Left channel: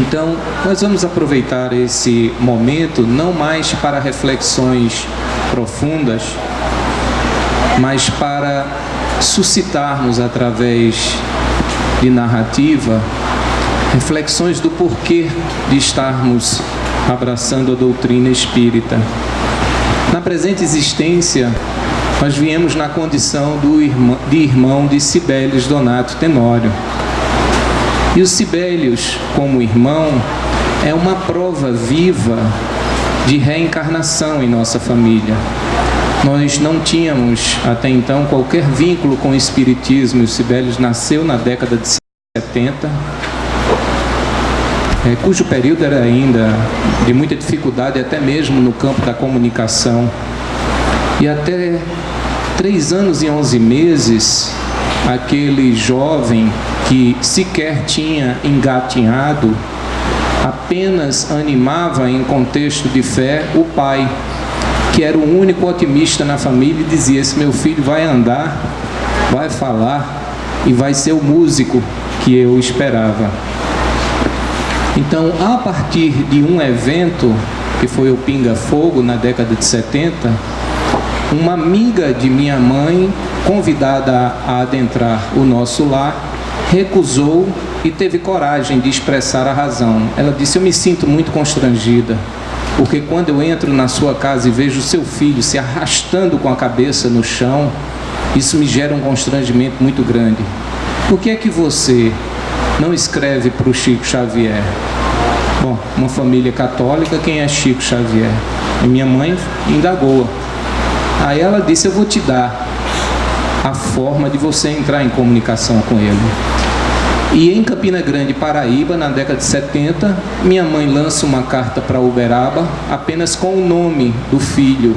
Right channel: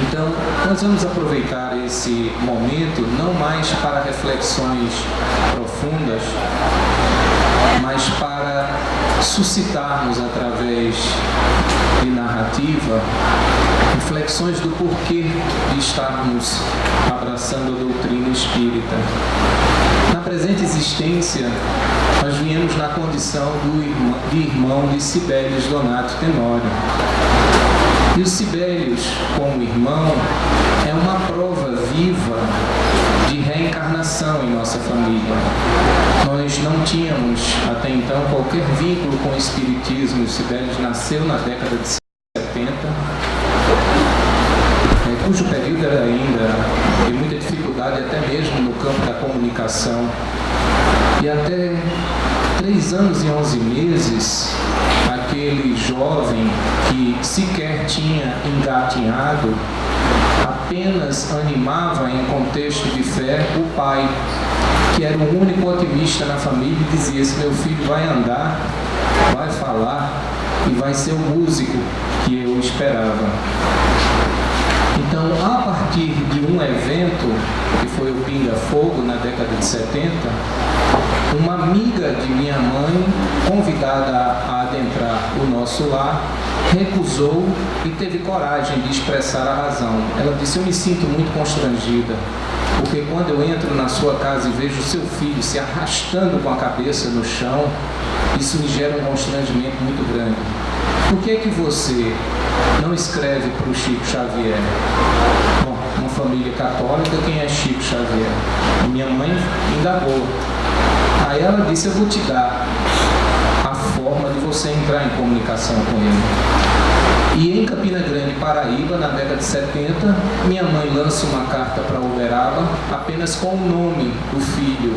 Então, nós vamos aproveitar esse momento não mais para reflexões profundas, mas para suscitarmos através de narrativa reflexões do porquê de estarmos abraçando a doutrina espírita. Na presente existência, nós viemos na condição de irmão de Sibelius Donato Tenório. E o Sibelius, como irmão, é uma prova viva de reencarnação em nossa família. Nós não tínhamos até então qualquer vínculo com o espiritismo. O Sibelius nasceu na década de 70, cujo período era ainda de muita dificuldade, até mesmo no campo da comunicação. E até 3 anos e 11 meses, aquele jovem que sequer tinha engatinhado, apenas animava em contexto de fé o pai, que era o único otimista na família, e dizia: esse meu filho vai andar, vai falar e vai ser o músico que eu esperava. Então, a partir de um evento, que foi o Pinga Fogo, na década de 70, uma amiga de minha mãe, convidada a adentrar o nosso lar, recusou e teve coragem de expressar a razão. Ela disse: eu me sinto muito constrangida, porque quando eu entro na sua casa e vejo o seu filho se arrastando com a cabeça no chão, isso me gera um constrangimento muito grande. Por que é que você não escreve para o Chico Xavier? Bom, uma família católica, quem é Chico Xavier? E minha mãe indagou. Aí ela disse: eu vou te dar a forma de você entrar em comunicação com ele. E em Campina Grande, Paraíba, na década de 70, minha mãe lança uma carta para Uberaba, apenas com o nome do filho,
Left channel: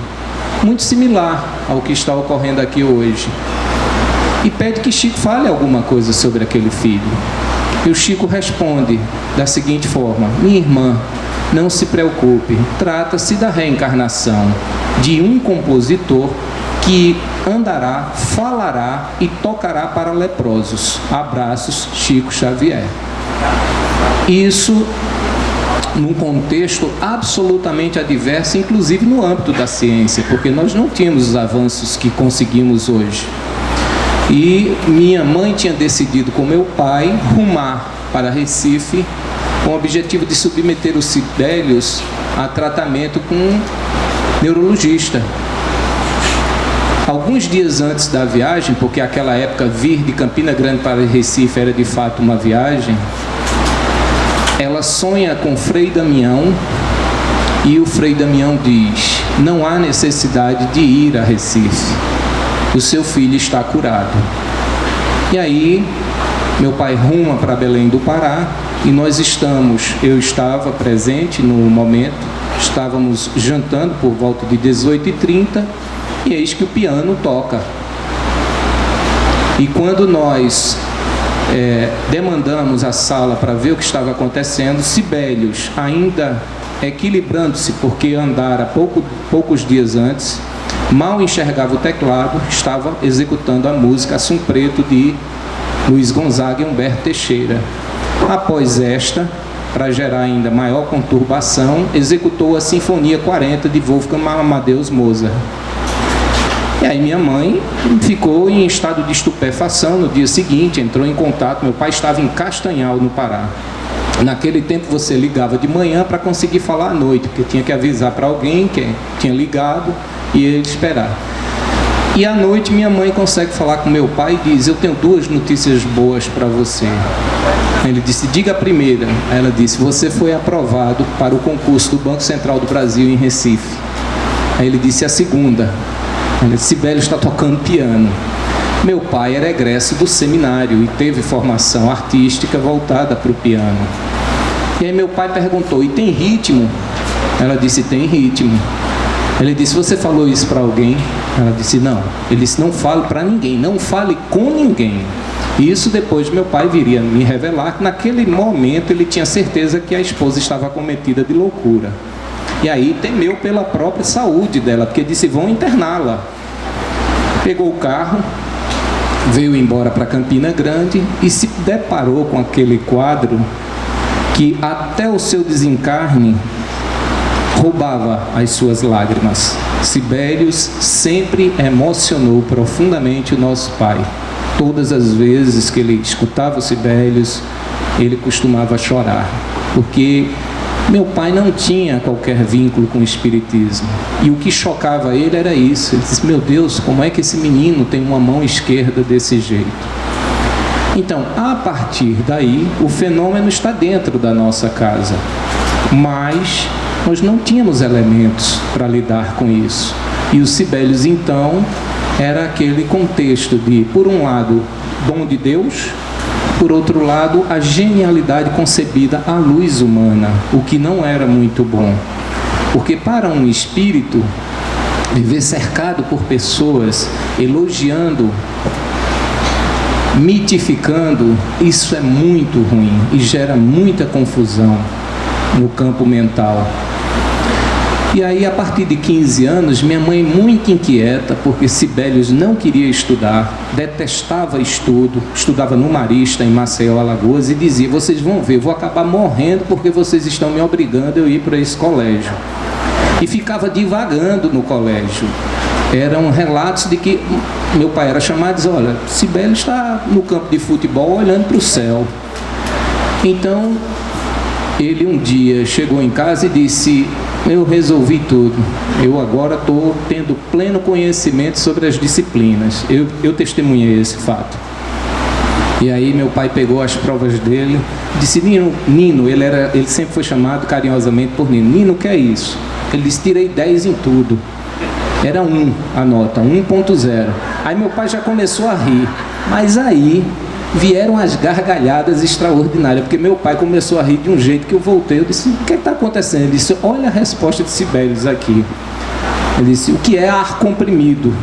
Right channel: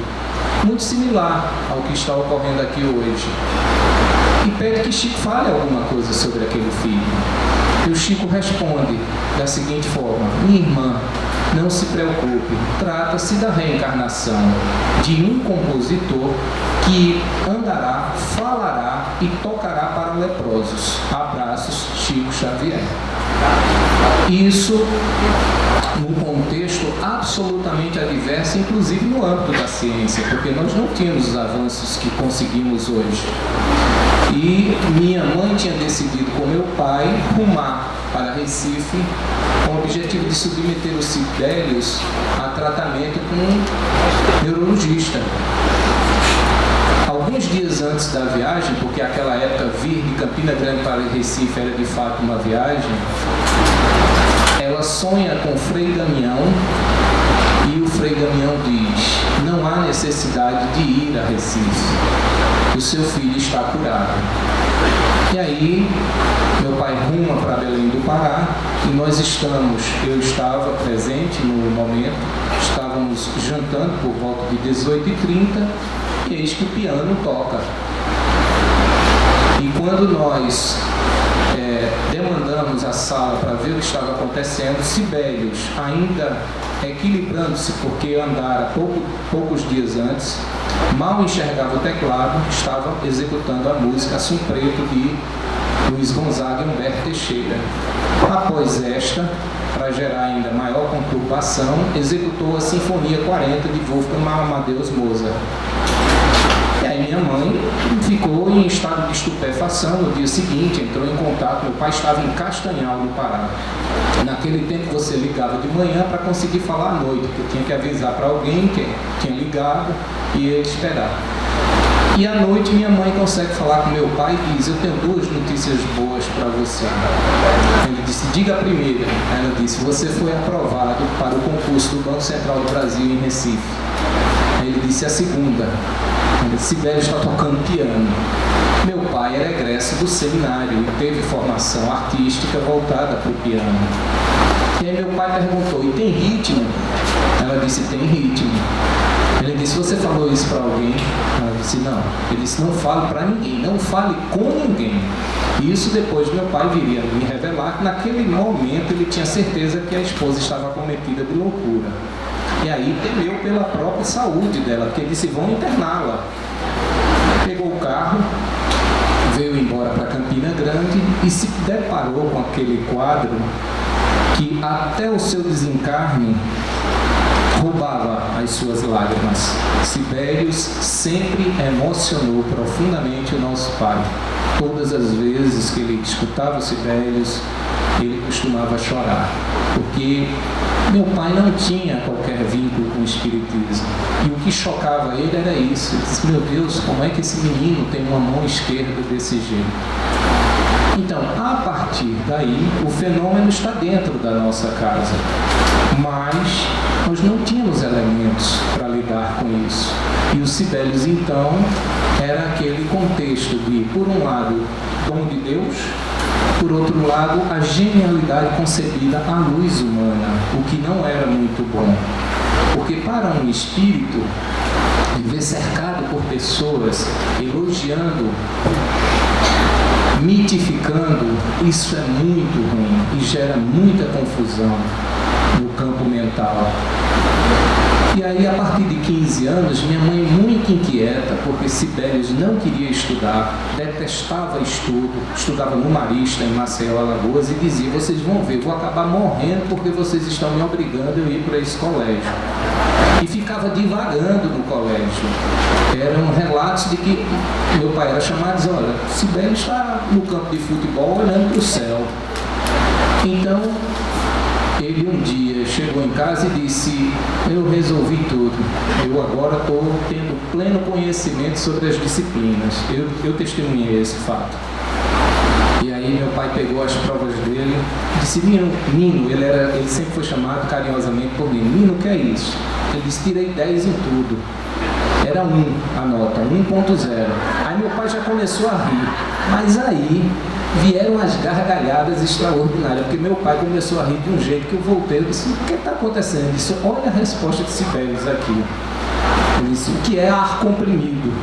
muito similar ao que está ocorrendo aqui hoje, e pede que Chico fale alguma coisa sobre aquele filho. E o Chico responde da seguinte forma: minha irmã, não se preocupe, trata-se da reencarnação de um compositor que andará, falará e tocará para leprosos. Abraços, Chico Xavier. Isso num contexto absolutamente adverso, inclusive no âmbito da ciência, porque nós não tínhamos os avanços que conseguimos hoje. E minha mãe tinha decidido com meu pai rumar para Recife com o objetivo de submeter os Sibelius a tratamento com um neurologista. Alguns dias antes da viagem, porque naquela época vir de Campina Grande para Recife era de fato uma viagem, ela sonha com o Frei Damião, e o Frei Damião diz: não há necessidade de ir a Recife, o seu filho está curado. E aí meu pai ruma para Belém do Pará, e eu estava presente no momento, estávamos jantando por volta de 18h30, e eis que o piano toca. E quando nós demandamos a sala para ver o que estava acontecendo, Sibelius, ainda equilibrando-se, porque andara poucos dias antes, mal enxergava o teclado, estava executando a música Assum Preto de Luiz Gonzaga e Humberto Teixeira. Após esta, para gerar ainda maior conturbação, executou a Sinfonia 40 de Wolfgang Amadeus Mozart. E aí minha mãe ficou em estado de estupefação. No dia seguinte entrou em contato, meu pai estava em Castanhal, no Pará. Naquele tempo você ligava de manhã para conseguir falar à noite, porque tinha que avisar para alguém que tinha ligado e ele esperar. E à noite minha mãe consegue falar com meu pai e diz: eu tenho 2 notícias boas para você. Ele disse: diga a primeira. Ela disse: você foi aprovado para o concurso do Banco Central do Brasil em Recife. Aí ele disse a segunda. Ele disse: Sibelius está tocando piano. Meu pai era egresso do seminário e teve formação artística voltada para o piano. E aí meu pai perguntou: e tem ritmo? Ela disse: tem ritmo. Ele disse: você falou isso para alguém? Ela disse: não. Ele disse: não fale para ninguém, não fale com ninguém. Isso depois meu pai viria me revelar que naquele momento ele tinha certeza que a esposa estava acometida de loucura. E aí temeu pela própria saúde dela, porque disse: vão interná-la. Pegou o carro, veio embora para Campina Grande e se deparou com aquele quadro que até o seu desencarne roubava as suas lágrimas. Sibelius sempre emocionou profundamente o nosso pai. Todas as vezes que ele escutava o Sibelius, ele costumava chorar, porque meu pai não tinha qualquer vínculo com o espiritismo. E o que chocava ele era isso. Ele disse: meu Deus, como é que esse menino tem uma mão esquerda desse jeito? Então, a partir daí, o fenômeno está dentro da nossa casa. Mas nós não tínhamos elementos para lidar com isso. E o Sibelius, então, era aquele contexto de, por um lado, dom de Deus, por outro lado, a genialidade concebida à luz humana, o que não era muito bom. Porque para um espírito, viver cercado por pessoas, elogiando, mitificando, isso é muito ruim e gera muita confusão no campo mental. E aí, a partir de 15 anos, minha mãe, muito inquieta, porque Sibelius não queria estudar, detestava estudo, estudava no Marista, em Maceió, Alagoas, e dizia: vocês vão ver, eu vou acabar morrendo porque vocês estão me obrigando a ir para esse colégio. E ficava divagando no colégio. Eram relatos de que meu pai era chamado e dizia: olha, Sibelius está no campo de futebol olhando para o céu. Então, ele um dia chegou em casa e disse: eu resolvi tudo, eu agora estou tendo pleno conhecimento sobre as disciplinas. Eu testemunhei esse fato. E aí meu pai pegou as provas dele, disse: Nino, ele sempre foi chamado carinhosamente por Nino. Nino, o que é isso? Ele disse: tirei 10 em tudo. Era 1 a nota, 1.0. Aí meu pai já começou a rir, mas aí vieram as gargalhadas extraordinárias, porque meu pai começou a rir de um jeito que eu voltei. Eu disse: o que está acontecendo? Ele disse: olha a resposta de Sibelius aqui. Ele disse: o que é ar comprimido?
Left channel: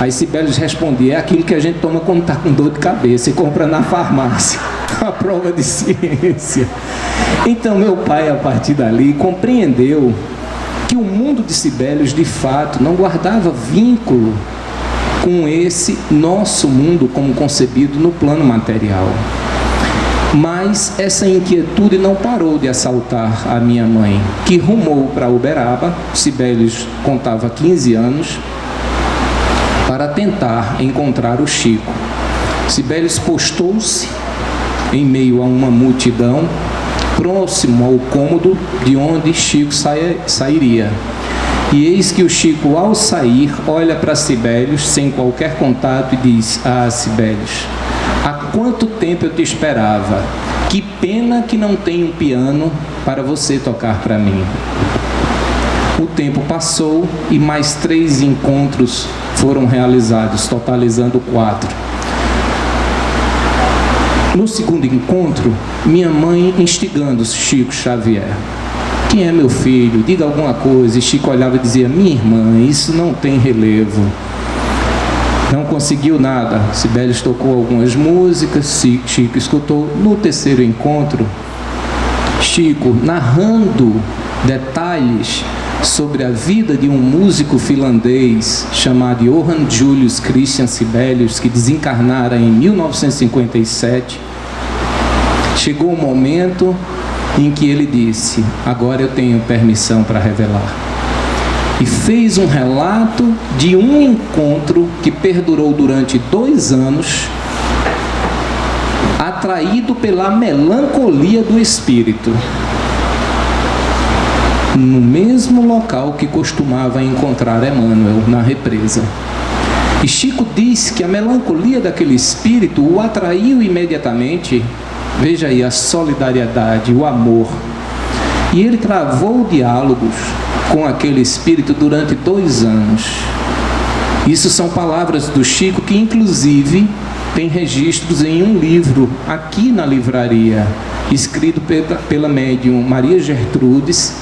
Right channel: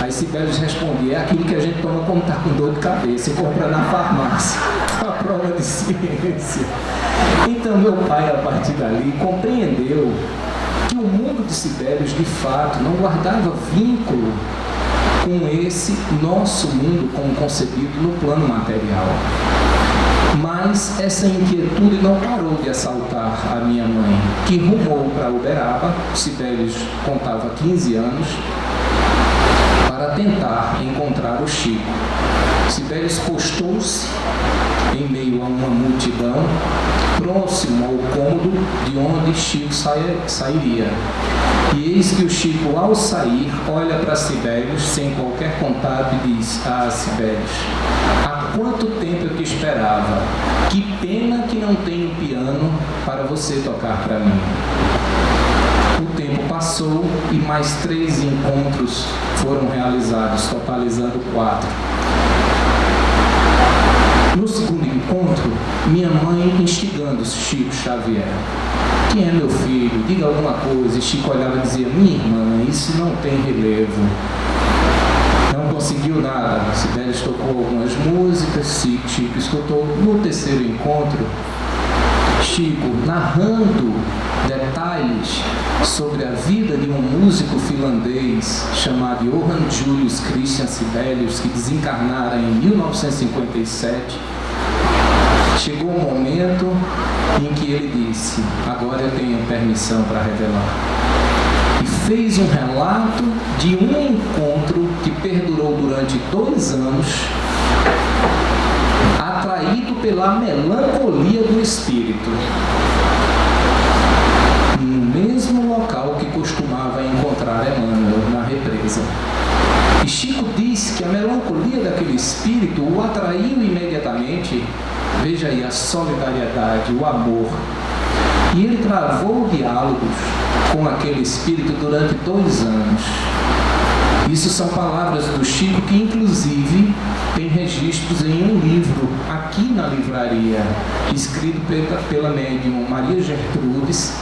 Aí Sibelius respondia: é aquilo que a gente toma quando está com dor de cabeça e compra na farmácia. A prova de ciência. Então meu pai, a partir dali, compreendeu que o mundo de Sibelius, de fato, não guardava vínculo com esse nosso mundo como concebido no plano material. Mas essa inquietude não parou de assaltar a minha mãe, que rumou para Uberaba. Sibelius contava 15 anos, para tentar encontrar o Chico. Sibelius postou-se em meio a uma multidão, próximo ao cômodo de onde Chico sairia. E eis que o Chico, ao sair, olha para Sibelius sem qualquer contato e diz: ah, Sibelius, há quanto tempo eu te esperava? Que pena que não tem um piano para você tocar para mim. O tempo passou e mais 3 encontros foram realizados, totalizando 4. No segundo encontro, minha mãe instigando Chico Xavier: quem é meu filho? Diga alguma coisa. E Chico olhava e dizia: minha irmã, isso não tem relevo. Não conseguiu nada. Sibelius tocou algumas músicas, Chico escutou. No terceiro encontro, Chico, narrando detalhes sobre a vida de um músico finlandês chamado Johann Julius Christian Sibelius, que desencarnara em 1957, chegou o momento em que ele disse: agora eu tenho permissão para revelar. E fez um relato de um encontro que perdurou durante 2 anos, atraído pela melancolia do espírito, no mesmo local que costumava encontrar Emmanuel, na represa. E Chico disse que a melancolia daquele espírito o atraiu imediatamente. Veja aí a solidariedade, o amor. E ele travou diálogos com aquele espírito durante 2 anos. Isso são palavras do Chico que, inclusive, tem registros em um livro aqui na livraria, escrito pela médium Maria Gertrudes,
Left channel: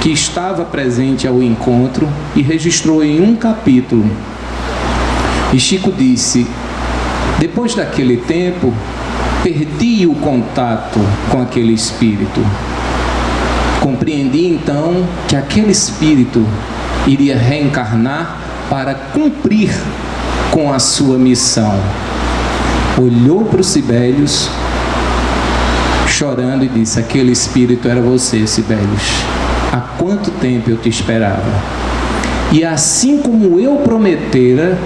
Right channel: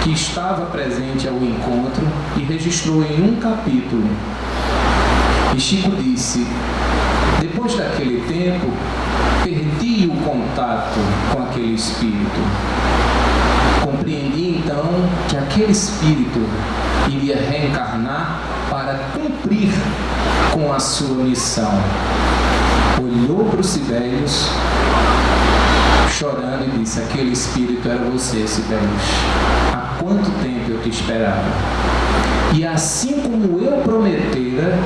que estava presente ao encontro e registrou em um capítulo. E Chico disse: depois daquele tempo, perdi o contato com aquele espírito. Compreendi então que aquele espírito iria reencarnar para cumprir com a sua missão. Olhou para o Sibelius, chorando, e disse: aquele espírito era você, Sibelius. Há quanto tempo eu te esperava? E assim como eu prometera,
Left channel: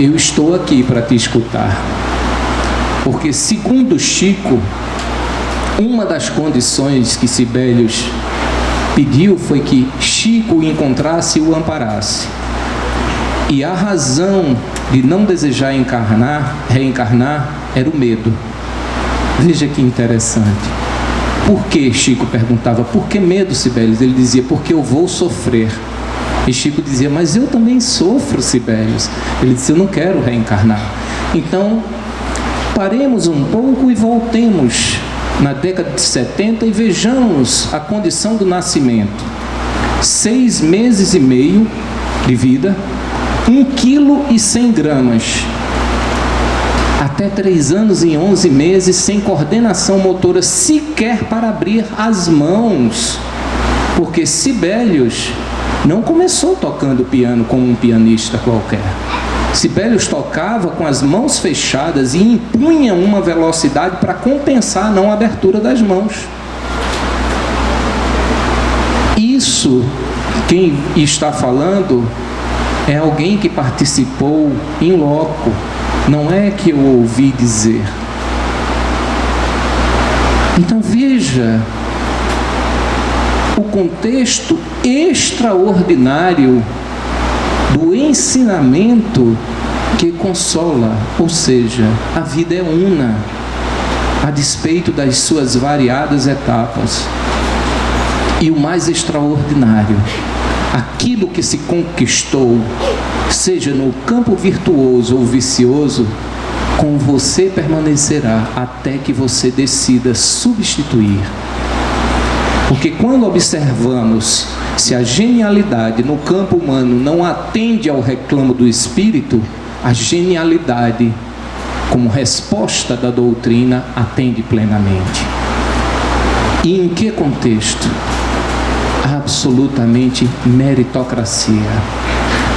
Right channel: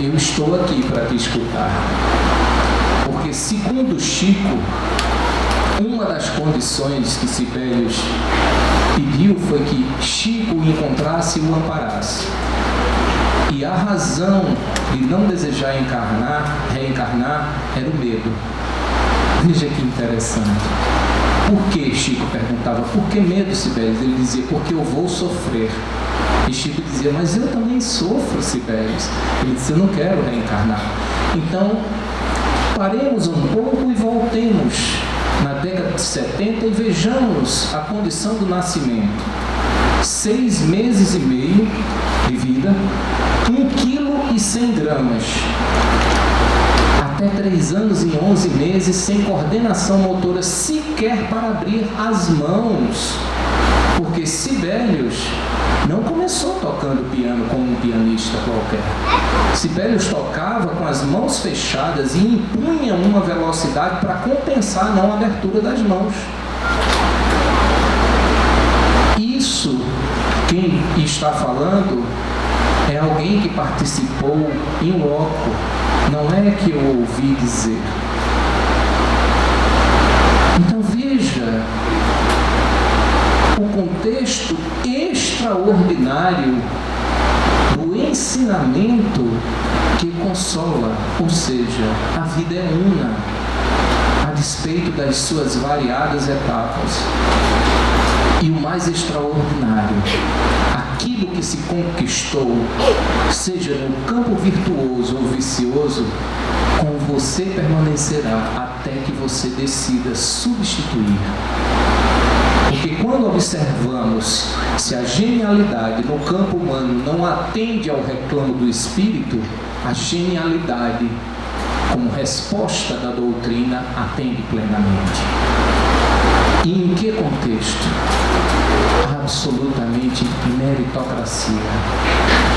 eu estou aqui para te escutar. Porque, segundo Chico, uma das condições que Sibelius pediu foi que Chico o encontrasse e o amparasse. E a razão de não desejar reencarnar era o medo. Veja que interessante. Por que, Chico perguntava, por que medo, Sibelius? Ele dizia, porque eu vou sofrer. E Chico dizia, mas eu também sofro, Sibelius. Ele disse, eu não quero reencarnar. Então, paremos um pouco e voltemos na década de 70 e vejamos a condição do nascimento. 6 meses e meio de vida, 1,1 kg. Até 3 anos e 11 meses, sem coordenação motora sequer para abrir as mãos. Porque Sibelius não começou tocando piano como um pianista qualquer. Sibelius tocava com as mãos fechadas e impunha uma velocidade para compensar a não abertura das mãos. Isso, quem está falando, é alguém que participou em loco, não é que eu ouvi dizer. Então veja o contexto extraordinário do ensinamento que consola, ou seja, a vida é una, a despeito das suas variadas etapas. E o mais extraordinário, aquilo que se conquistou, seja no campo virtuoso ou vicioso, com você permanecerá até que você decida substituir. Porque quando observamos se a genialidade no campo humano não atende ao reclamo do espírito, a genialidade, como resposta da doutrina, atende plenamente. E em que contexto? Absolutamente meritocracia.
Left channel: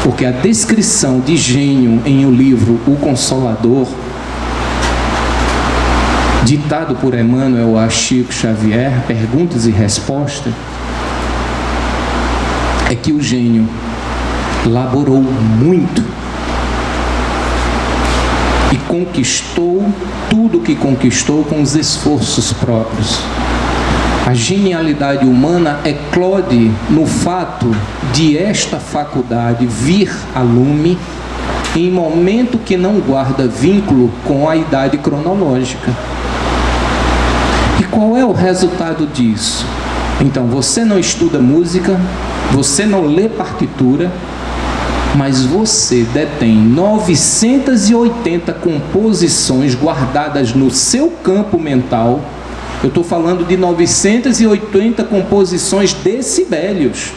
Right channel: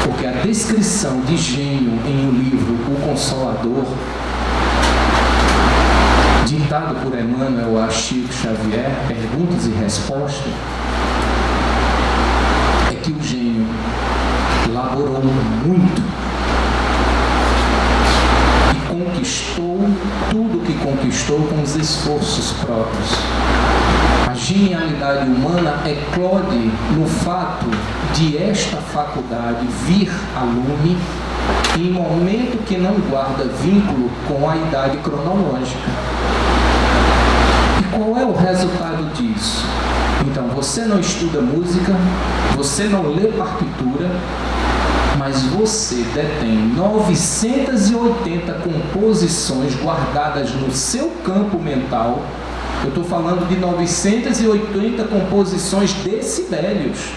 Porque a descrição de gênio em o livro O Consolador, ditado por Emmanuel a Chico Xavier, Perguntas e Respostas, é que o gênio laborou muito e conquistou tudo o que conquistou com os esforços próprios. A genialidade humana eclode no fato de esta faculdade vir a lume em momento que não guarda vínculo com a idade cronológica. E qual é o resultado disso? Então, você não estuda música, você não lê partitura, mas você detém 980 composições guardadas no seu campo mental. Eu estou falando de 980 composições de Sibelius,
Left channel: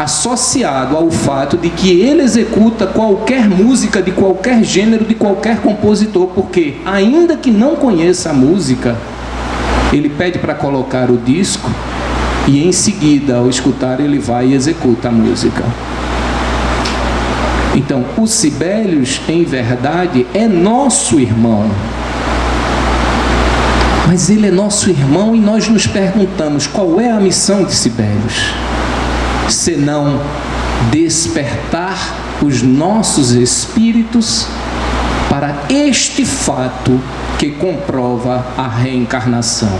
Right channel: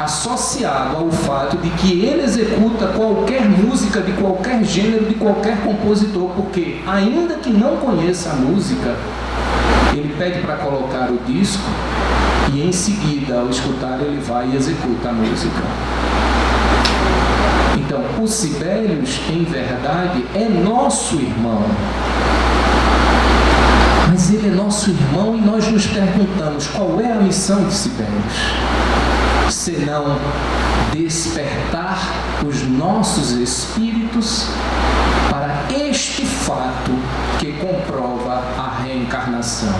associado ao fato de que ele executa qualquer música de qualquer gênero, de qualquer compositor, porque ainda que não conheça a música, ele pede para colocar o disco e em seguida, ao escutar, ele vai e executa a música. Então, o Sibelius, em verdade, é nosso irmão. Mas ele é nosso irmão e nós nos perguntamos, qual é a missão de Sibelius? Senão despertar os nossos espíritos para este fato que comprova a reencarnação.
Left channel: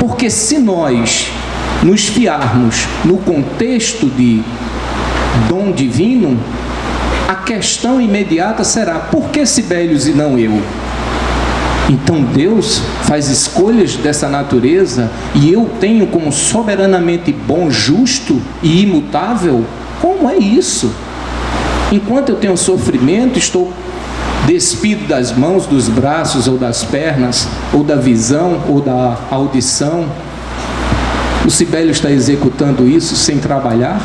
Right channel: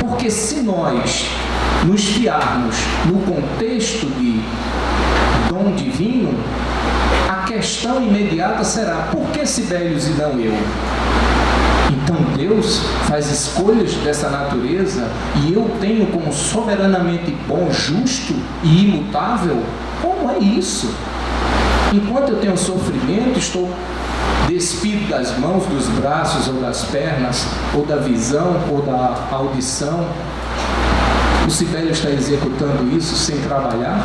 Porque se nós nos fiarmos no contexto de dom divino, a questão imediata será, por que Sibelius e não eu? Então Deus faz escolhas dessa natureza e eu tenho como soberanamente bom, justo e imutável? Como é isso? Enquanto eu tenho sofrimento, estou despido das mãos, dos braços ou das pernas, ou da visão ou da audição. O Sibelius está executando isso sem trabalhar?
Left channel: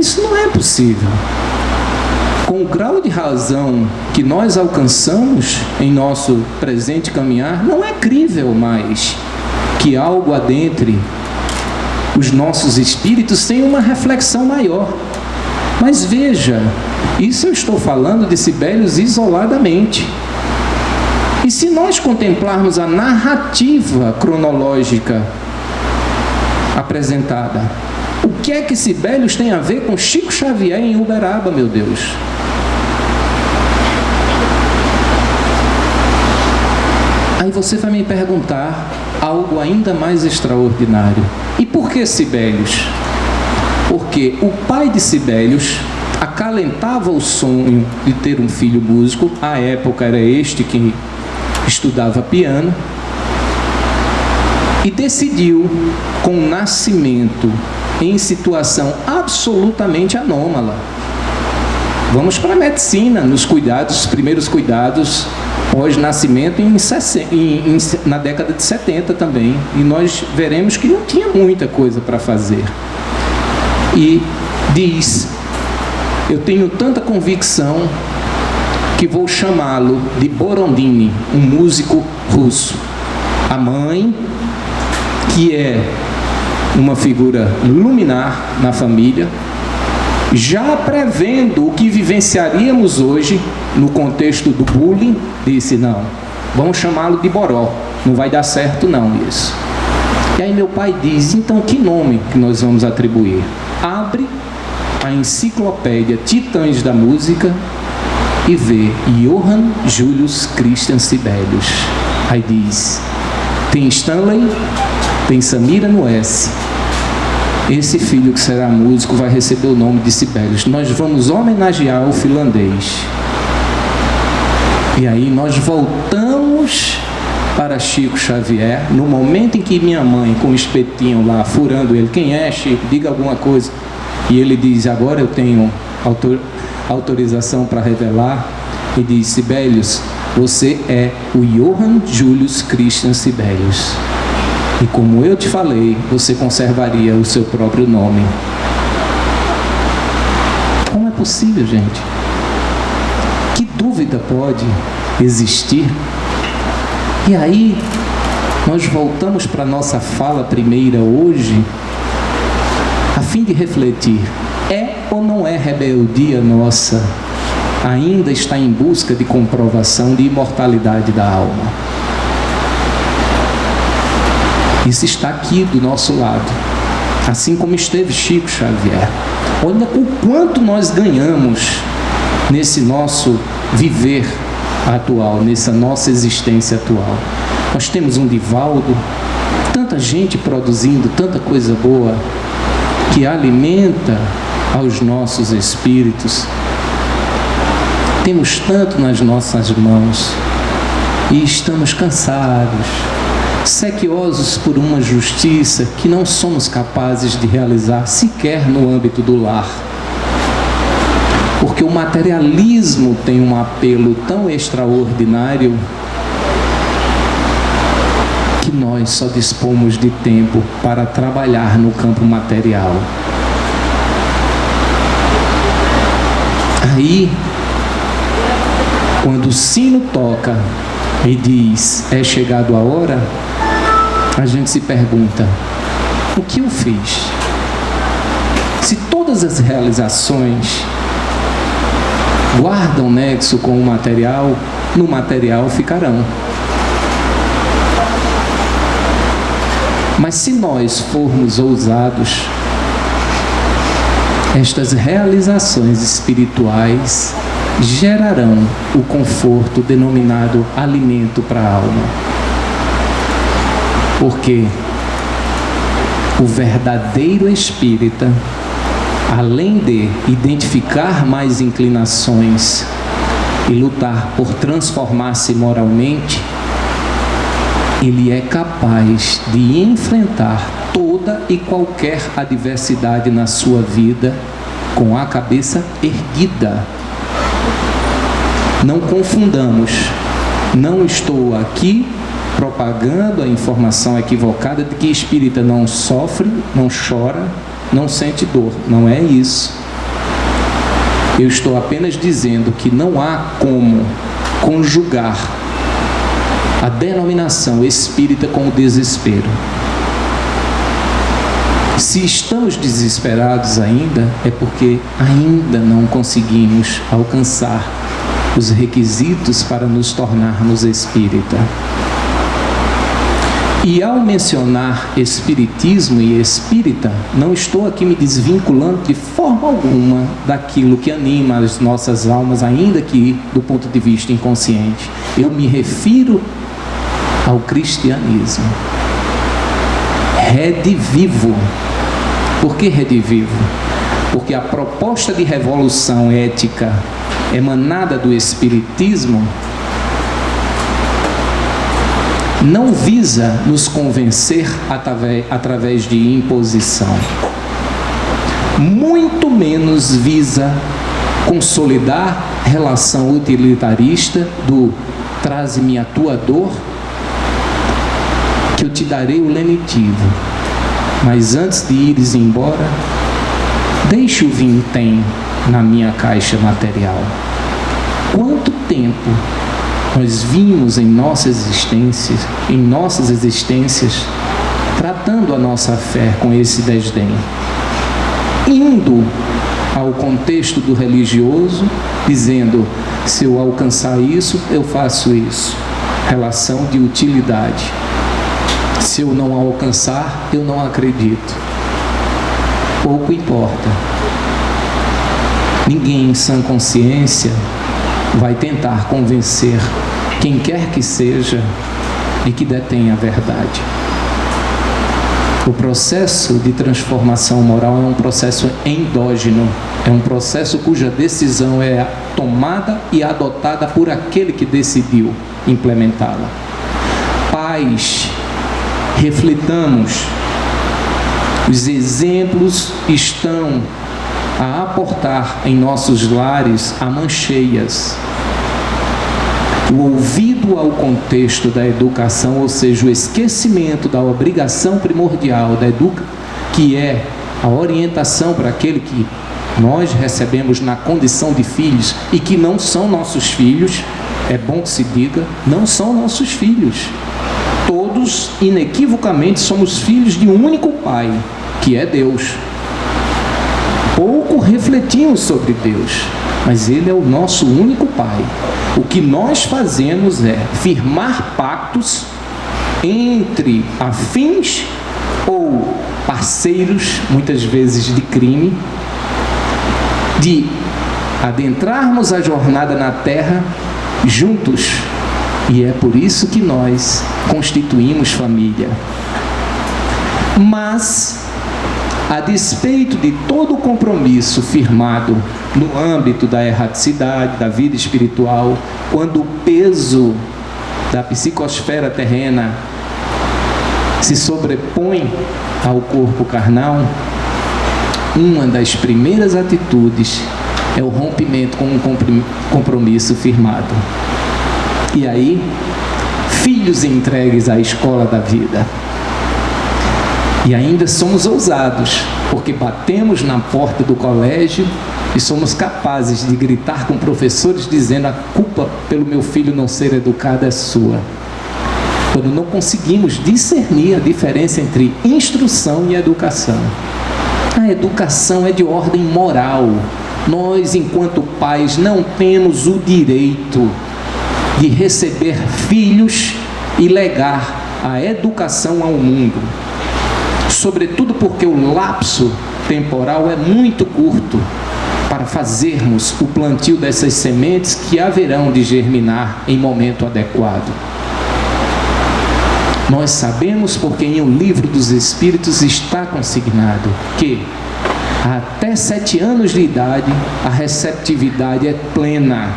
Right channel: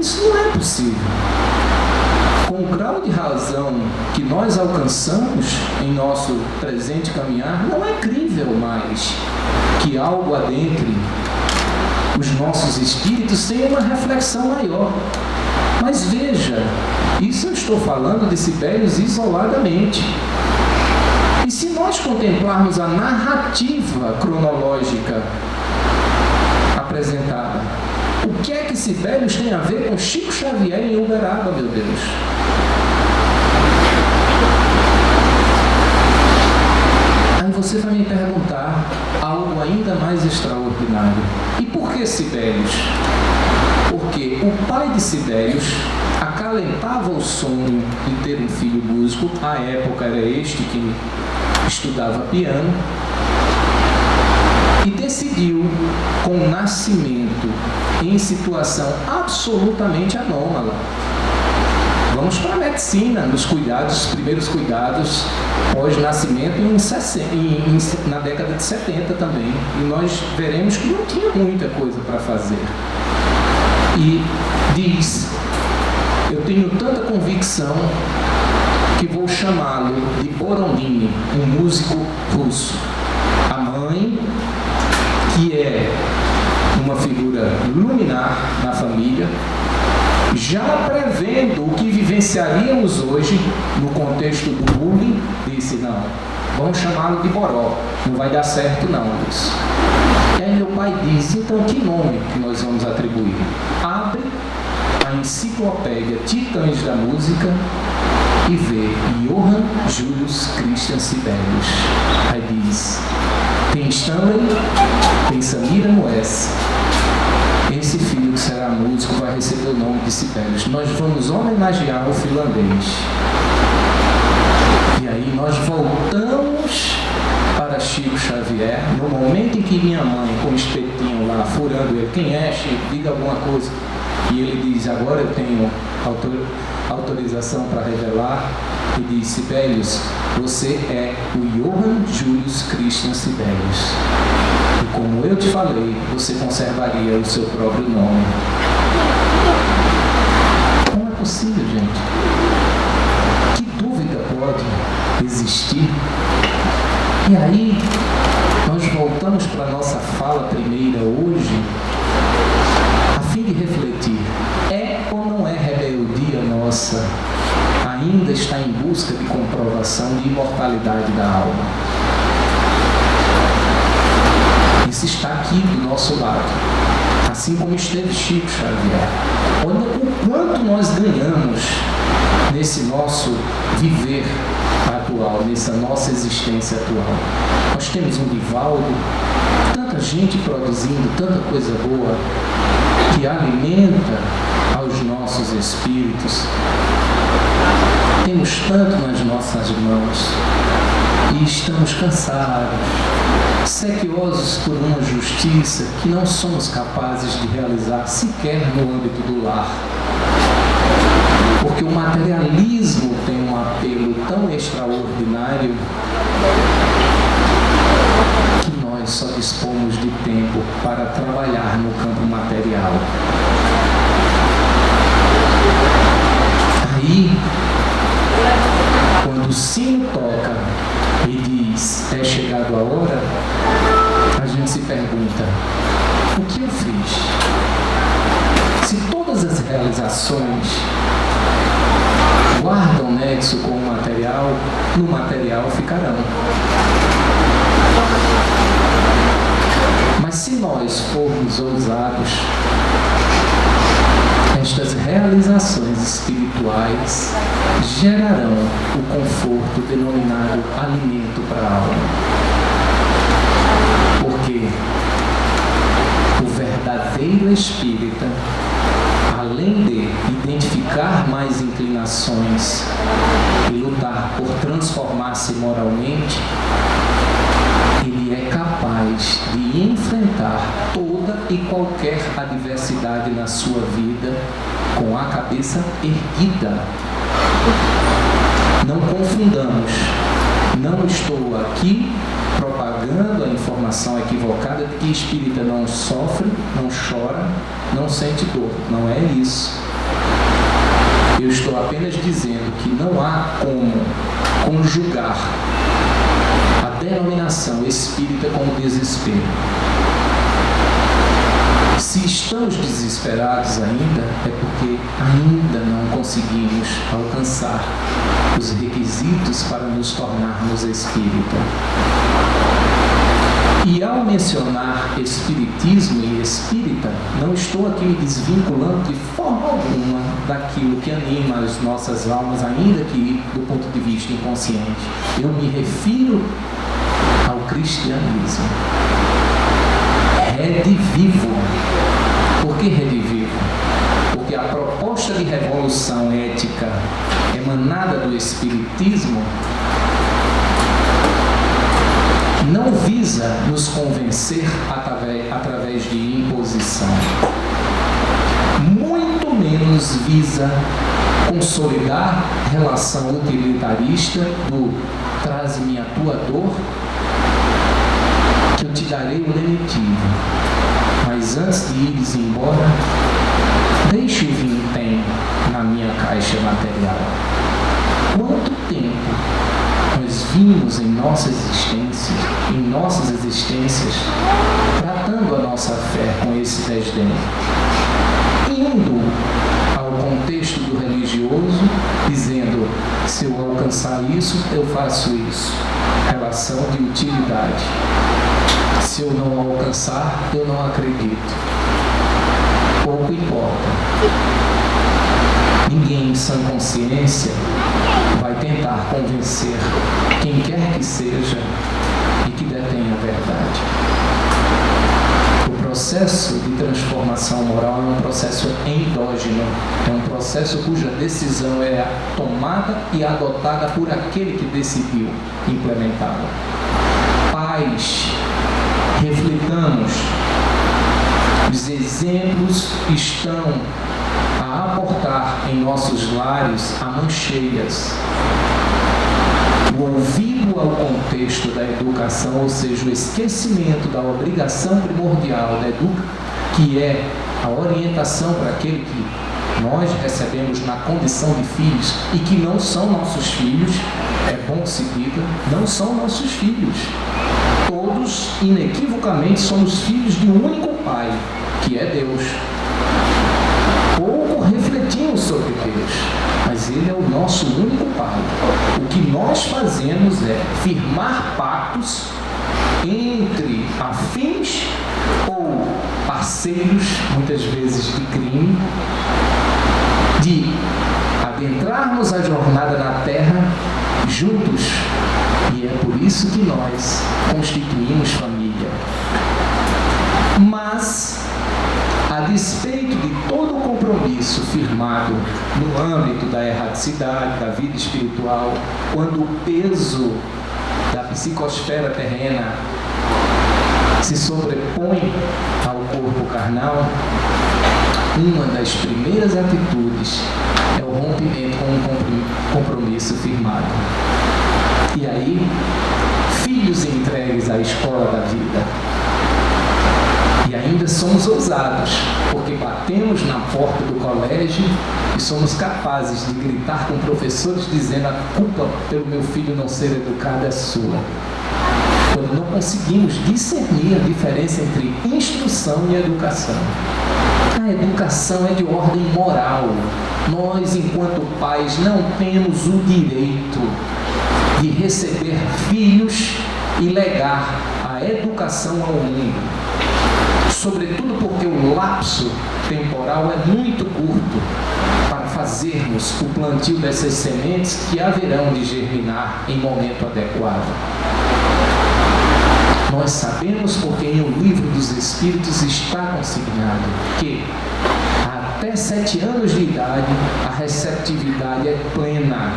Isso não é possível. Com o grau de razão que nós alcançamos em nosso presente caminhar, não é crível mais que algo adentre os nossos espíritos sem uma reflexão maior. Mas veja, isso eu estou falando de Sibelius isoladamente. nós contemplarmos a narrativa cronológica apresentada, o que é que Sibelius tem a ver com Chico Xavier em Uberaba, meu Deus? Aí você vai me perguntar algo ainda mais extraordinário. E por que Sibelius? Porque o pai de Sibelius acalentava o sonho de ter um filho músico. À época era este que estudava piano. E decidiu, com o nascimento em situação absolutamente anômala. Vamos para a medicina, nos cuidados, os primeiros cuidados pós-nascimento na década de 70 também. E nós veremos que não tinha muita coisa para fazer. E diz: eu tenho tanta convicção que vou chamá-lo de Borodin, um músico russo. A mãe, que é uma figura luminar na família, já prevendo o que vivenciaríamos hoje no contexto do bullying, disse: não, vamos chamá-lo de Boró, não vai dar certo não isso. E aí meu pai diz: então que nome que nós vamos atribuir? Abre a enciclopédia Titãs da Música e vê Johann Julius Christian Sibelius. Aí diz: tem Stanley, tem Samira no S. Esse filho que será músico vai receber o nome de Sibelius. Nós vamos homenagear o finlandês. E aí nós voltamos para Chico Xavier, no momento em que minha mãe, com o espetinho lá, furando ele: quem é, Chico? Diga alguma coisa. E ele diz: agora eu tenho autorização para revelar. E diz: Sibelius, você é o Johann Julius Christian Sibelius. E como eu te falei, você conservaria o seu próprio nome. Como é possível, gente? Que dúvida pode existir? E aí, nós voltamos para a nossa fala primeira hoje, a fim de refletir: é ou não é rebeldia nossa ainda estar em busca de comprovação de imortalidade da alma? Isso está aqui do nosso lado, assim como esteve Chico Xavier. Olha o quanto nós ganhamos nesse nosso viver atual, nessa nossa existência atual. Nós temos um Divaldo, tanta gente produzindo tanta coisa boa que alimenta aos nossos espíritos. Temos tanto nas nossas mãos e estamos cansados, sequiosos por uma justiça que não somos capazes de realizar sequer no âmbito do lar. Porque o materialismo tem um apelo tão extraordinário que nós só dispomos de tempo para trabalhar no campo material. Aí, quando o sino toca e diz: é chegado a hora, a gente se pergunta: o que eu fiz? Se todas as realizações guardam nexo com o material, no material ficarão. Mas se nós formos ousados, estas realizações espirituais gerarão o conforto denominado alimento para a alma. Porque o verdadeiro espírita, além de identificar mais inclinações e lutar por transformar-se moralmente, ele é capaz de enfrentar toda e qualquer adversidade na sua vida com a cabeça erguida. Não confundamos, não estou aqui propagando a informação equivocada de que espírita não sofre, não chora, não sente dor. Não é isso. Eu estou apenas dizendo que não há como conjugar a denominação espírita com o desespero. Se estamos desesperados ainda, é porque ainda não conseguimos alcançar os requisitos para nos tornarmos espírita. E ao mencionar espiritismo e espírita, não estou aqui me desvinculando de forma alguma daquilo que anima as nossas almas, ainda que do ponto de vista inconsciente. Eu me refiro ao cristianismo. Redivivo. Por que redivivo? Porque a proposta de revolução ética emanada do espiritismo não visa nos convencer através de imposição, muito menos visa consolidar relação utilitarista do traze-me a tua dor, que eu te darei o lenitivo, mas antes de ires embora, deixe o vintém na minha caixa material. Quanto tempo nós vimos em nossas existências, tratando a nossa fé com esse desdém, indo ao contexto do religioso, dizendo, se eu alcançar isso, eu faço isso. Relação de utilidade. Se eu não alcançar, eu não acredito. Pouco importa. Ninguém em sã consciência vai tentar convencer quem quer que seja de que detém a verdade. O processo de transformação moral é um processo endógeno, é um processo cuja decisão é tomada e adotada por aquele que decidiu implementá-la. Pais, reflitamos. Os exemplos estão a aportar em nossos lares a mancheias. O ouvido ao contexto da educação, ou seja, o esquecimento da obrigação primordial que é a orientação para aquele que nós recebemos na condição de filhos e que não são nossos filhos, é bom que se diga, não são nossos filhos. Todos, inequivocamente, somos filhos de um único Pai, que é Deus. Pouco refletimos sobre Deus, mas Ele é o nosso único Pai. O que nós fazemos é firmar pactos entre afins ou parceiros, muitas vezes de crime, de adentrarmos a jornada na Terra juntos. E é por isso que nós constituímos família. Mas, a despeito de todo o compromisso firmado no âmbito da erraticidade, da vida espiritual, quando o peso da psicosfera terrena se sobrepõe ao corpo carnal, uma das primeiras atitudes é o rompimento com um compromisso firmado. E aí, filhos entregues à escola da vida. E ainda somos ousados, porque batemos na porta do colégio e somos capazes de gritar com professores dizendo: a culpa pelo meu filho não ser educado é sua. Quando não conseguimos discernir a diferença entre instrução e educação. A educação é de ordem moral. Nós, enquanto pais, não temos o direito de receber filhos e legar a educação ao mundo. Sobretudo porque o lapso temporal é muito curto para fazermos o plantio dessas sementes que haverão de germinar em momento adequado. Nós sabemos, porque em O Livro dos Espíritos está consignado que até 7 anos de idade a receptividade é plena.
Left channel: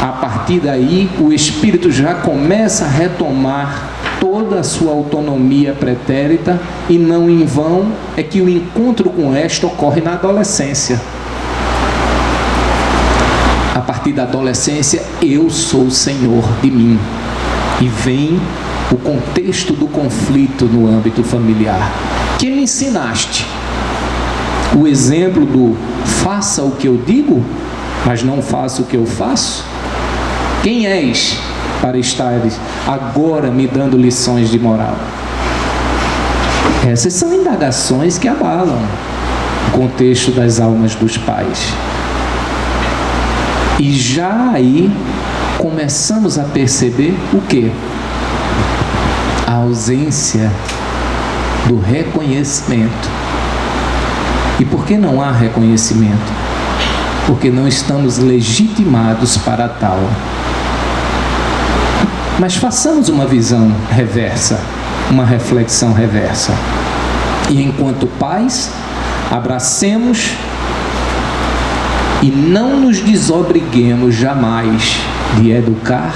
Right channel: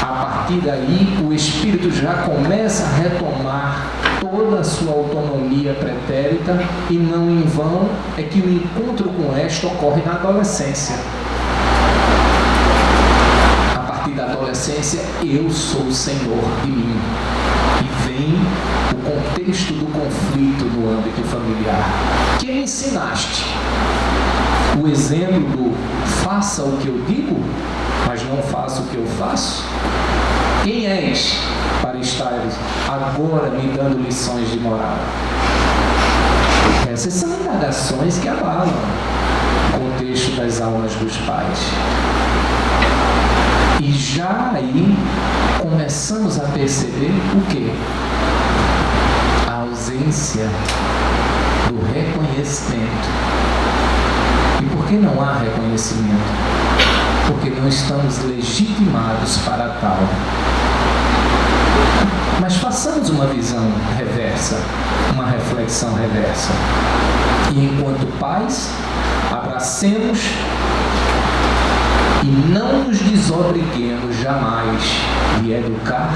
A partir daí o espírito já começa a retomar toda a sua autonomia pretérita, e não em vão é que o encontro com esta ocorre na adolescência. A partir da adolescência, eu sou senhor de mim. E vem o contexto do conflito no âmbito familiar. Que me ensinaste? O exemplo do faça o que eu digo, mas não faça o que eu faço? Quem és para estar agora me dando lições de moral? Essas são indagações que abalam o contexto das almas dos pais. E já aí começamos a perceber o quê? A ausência do reconhecimento. E por que não há reconhecimento? Porque não estamos legitimados para tal. Mas façamos uma visão reversa, uma reflexão reversa. E enquanto pais, abracemos e não nos desobriguemos jamais de educar,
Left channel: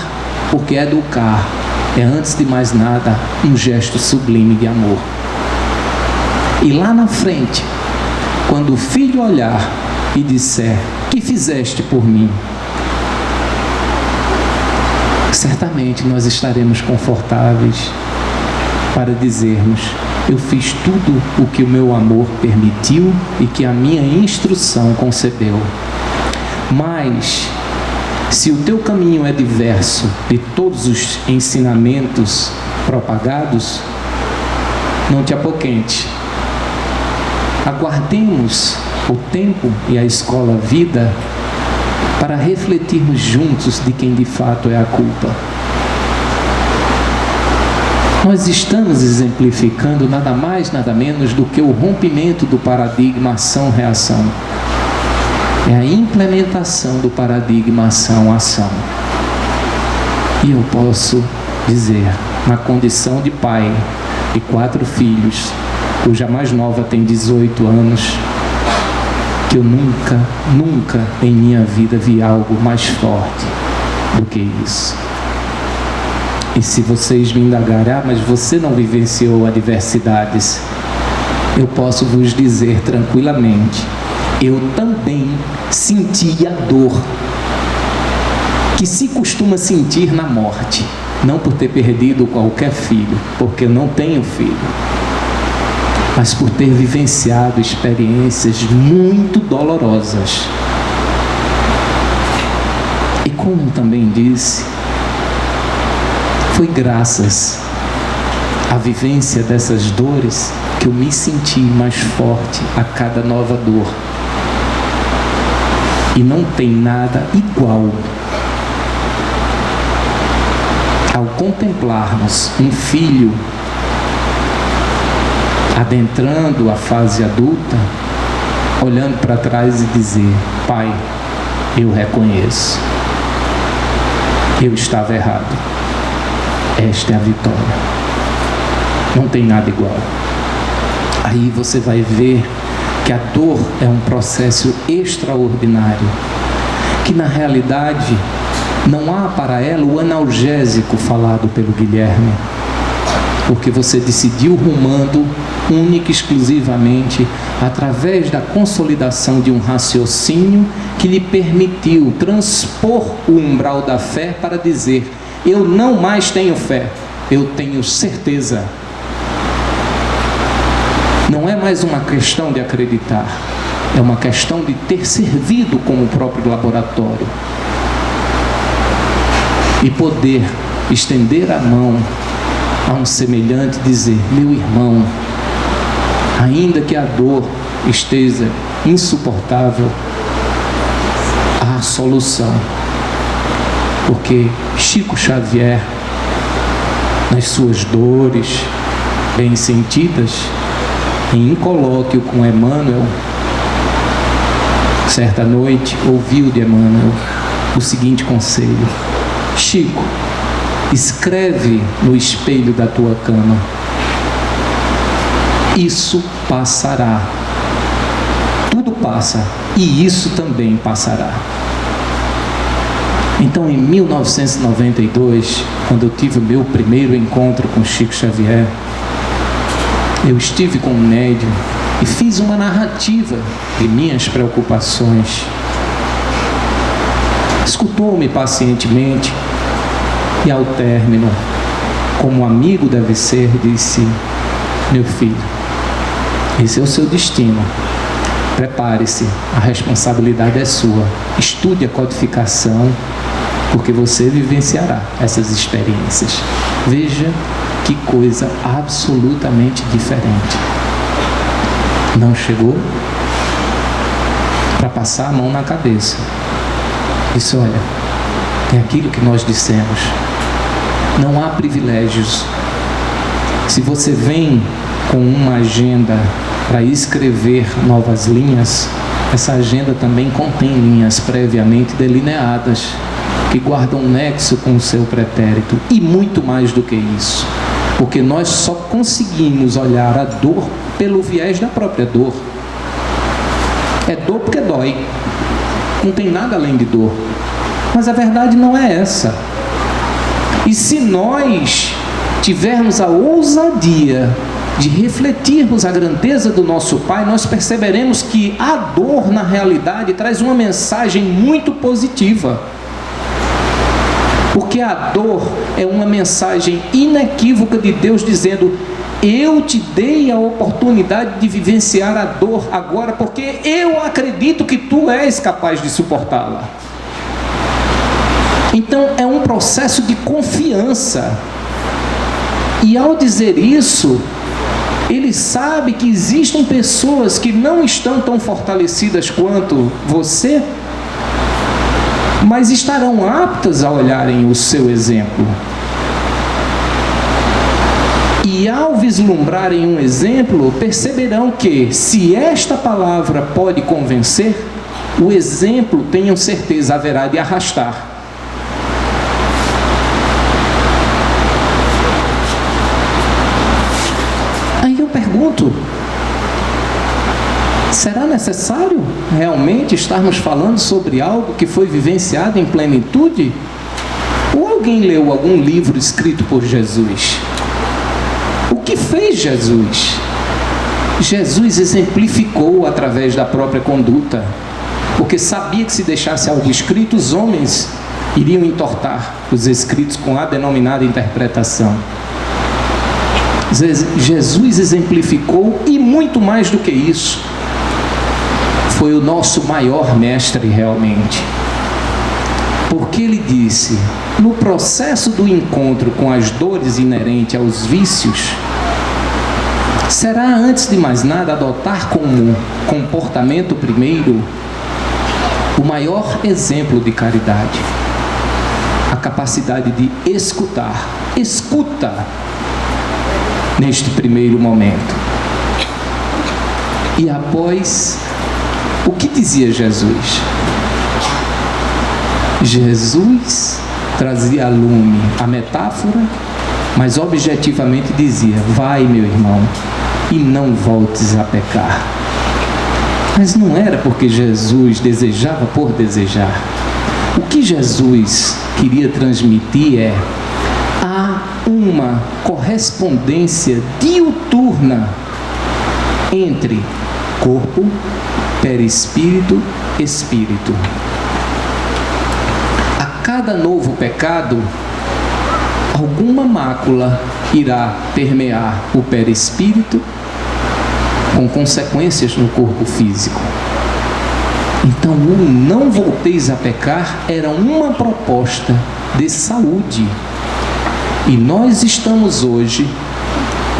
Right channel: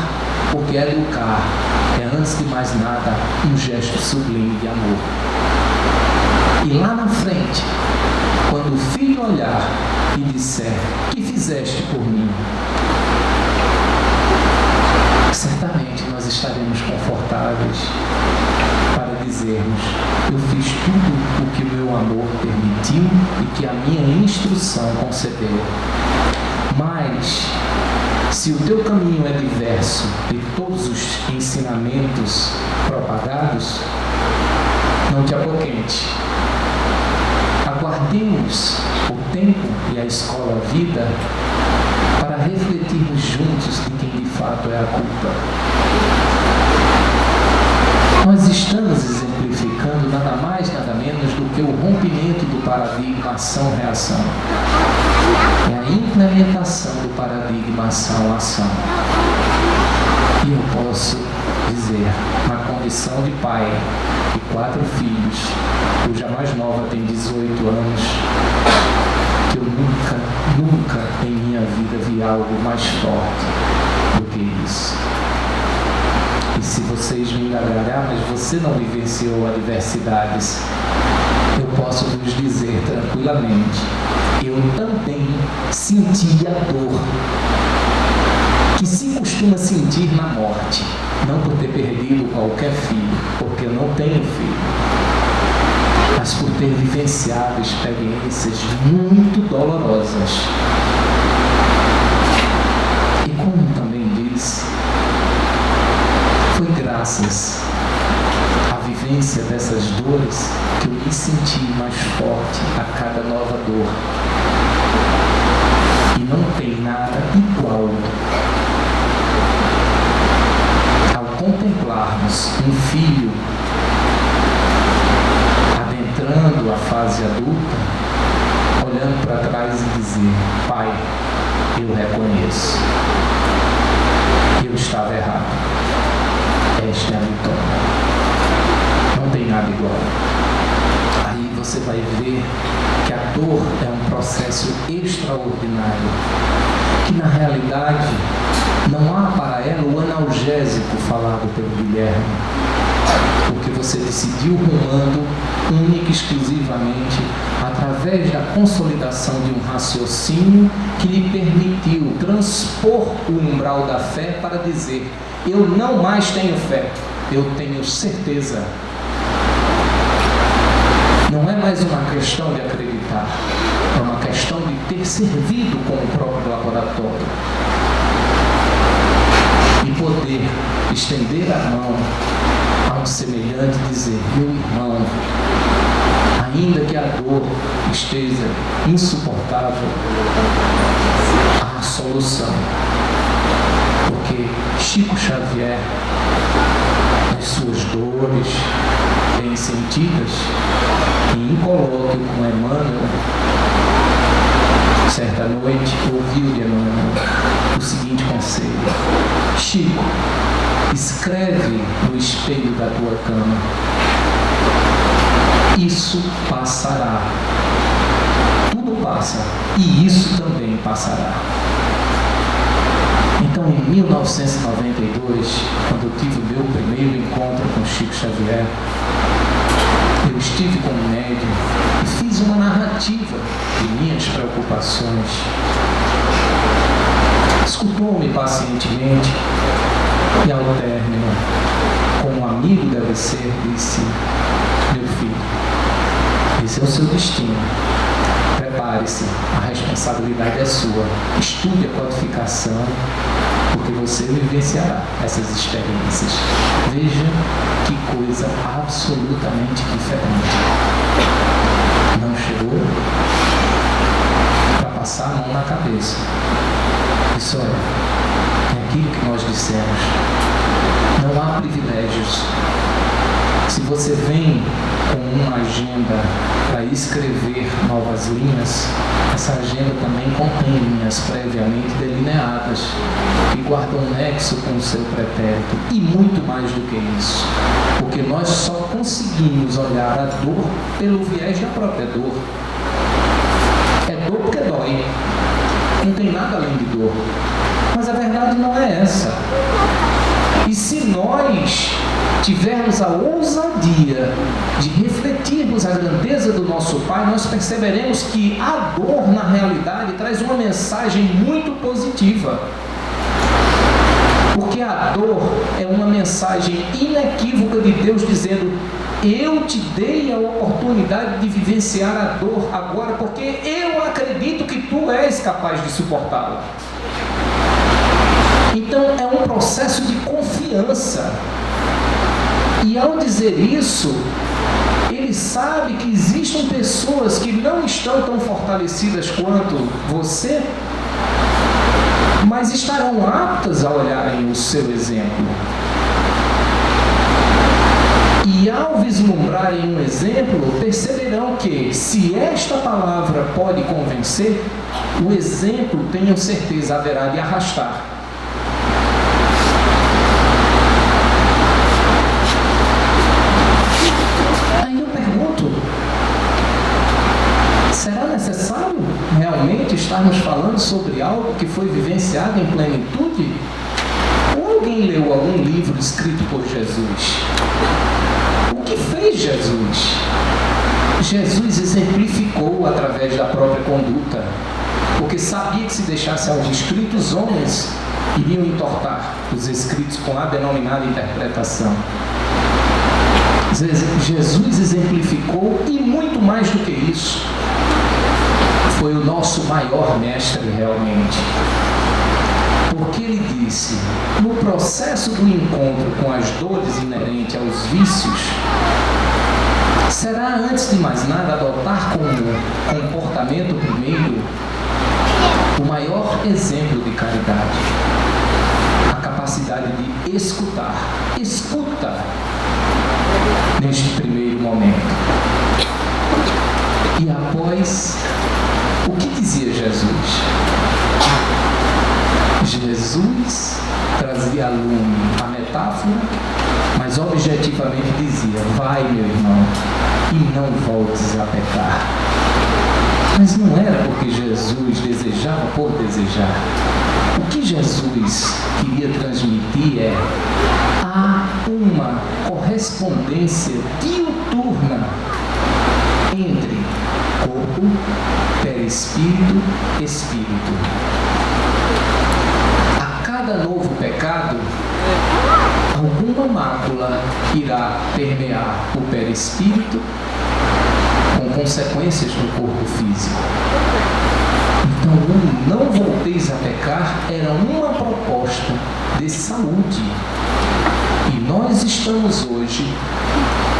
porque educar é, antes de mais nada, um gesto sublime de amor. E lá na frente, quando o filho olhar e disser: "Que fizeste por mim?", certamente nós estaremos confortáveis para dizermos: "Eu fiz tudo o que o meu amor permitiu e que a minha instrução concebeu." Mas, se o teu caminho é diverso de todos os ensinamentos propagados, não te apoquente. Aguardemos o tempo e a escola vida para refletirmos juntos de quem de fato é a culpa. Nós estamos exemplificando nada mais, nada menos do que o rompimento do paradigma ação-reação. É a implementação do paradigma ação-ação. E eu posso dizer, na condição de pai de 4 filhos, cuja mais nova tem 18 anos, que eu nunca em minha vida vi algo mais forte do que isso. E se vocês me indagarem: "Ah, mas você não vivenciou adversidades", eu posso vos dizer tranquilamente: eu também senti a dor que se costuma sentir na morte, não por ter perdido qualquer filho, porque eu não tenho filho, mas por ter vivenciado experiências muito dolorosas. E como também disse, foi graças à vivência dessas dores que eu me senti mais forte a cada nova dor. E não tem nada igual ao contemplarmos um filho adentrando a fase adulta, olhando para trás e dizer: "Pai, eu reconheço, eu estava errado, esta é a vitória." Não tem nada igual. Aí você vai ver que a dor é um processo extraordinário, que na realidade não há para ela o analgésico falado pelo Guilherme, porque você decidiu rumando única e exclusivamente através da consolidação de um raciocínio que lhe permitiu transpor o umbral da fé para dizer: "Eu não mais tenho fé, eu tenho certeza." Não é mais uma questão de acreditar, é uma questão de ter servido como o próprio laboratório e poder estender a mão a um semelhante e dizer: "Meu irmão, ainda que a dor esteja insuportável, há solução." Porque Chico Xavier, nas suas dores bem sentidas, em colóquio com Emmanuel, certa noite, ouviu de Emmanuel o seguinte conselho: "Chico, escreve no espelho da tua cama: isso passará. Tudo passa, e isso também passará." Então, em 1992, quando eu tive o meu primeiro encontro com Chico Xavier, eu estive com um médium e fiz uma narrativa de minhas preocupações. Escutou-me pacientemente e, ao término, como amigo deve ser, disse: "Meu filho, esse é o seu destino. Prepare-se, a responsabilidade é sua. Estude a codificação, porque você vivenciará essas experiências." Veja que coisa absolutamente diferente. Não chegou para passar a mão na cabeça, Disse: olha, é aquilo que nós dissemos. Não há privilégios. Se você vem com uma agenda para escrever novas linhas, essa agenda também contém linhas previamente delineadas, que guardam um nexo com o seu pretérito. E muito mais do que isso, porque nós só conseguimos olhar a dor pelo viés da própria dor. É dor porque dói, não tem nada além de dor. Mas a verdade não é essa. E se nós tivermos a ousadia de refletirmos a grandeza do nosso Pai, nós perceberemos que a dor, na realidade, traz uma mensagem muito positiva. Porque a dor é uma mensagem inequívoca de Deus dizendo: eu te dei a oportunidade de vivenciar a dor agora, porque eu acredito que tu és capaz de suportá-la. Então é um processo de confiança. E ao dizer isso, ele sabe que existem pessoas que não estão tão fortalecidas quanto você, mas estarão aptas a olharem o seu exemplo. E ao vislumbrarem um exemplo, perceberão que, se esta palavra pode convencer, o exemplo, tenham certeza, haverá de arrastar. Aí eu pergunto: será necessário realmente estarmos falando sobre algo que foi vivenciado em plenitude? Ou alguém leu algum livro escrito por Jesus? O que fez Jesus? Jesus exemplificou através da própria conduta, porque sabia que se deixasse algo escrito, os homens iriam entortar os escritos com a denominada interpretação. Jesus exemplificou, e muito mais do que isso, foi o nosso maior mestre realmente. Porque ele disse: no processo do encontro com as dores inerentes aos vícios, será, antes de mais nada, adotar como comportamento primeiro o maior exemplo de caridade, a capacidade de escutar. Escuta neste primeiro momento. E após, o que dizia Jesus? Jesus trazia à lume a metáfora, mas objetivamente dizia: vai, meu irmão, e não voltes a pecar. Mas não era porque Jesus desejava por desejar. O que Jesus queria transmitir é: há uma correspondência diuturna entre corpo, perispírito, espírito. A cada novo pecado, alguma mácula irá permear o perispírito, com consequências no corpo físico. Então, o não volteis a pecar era uma proposta de saúde. E nós estamos hoje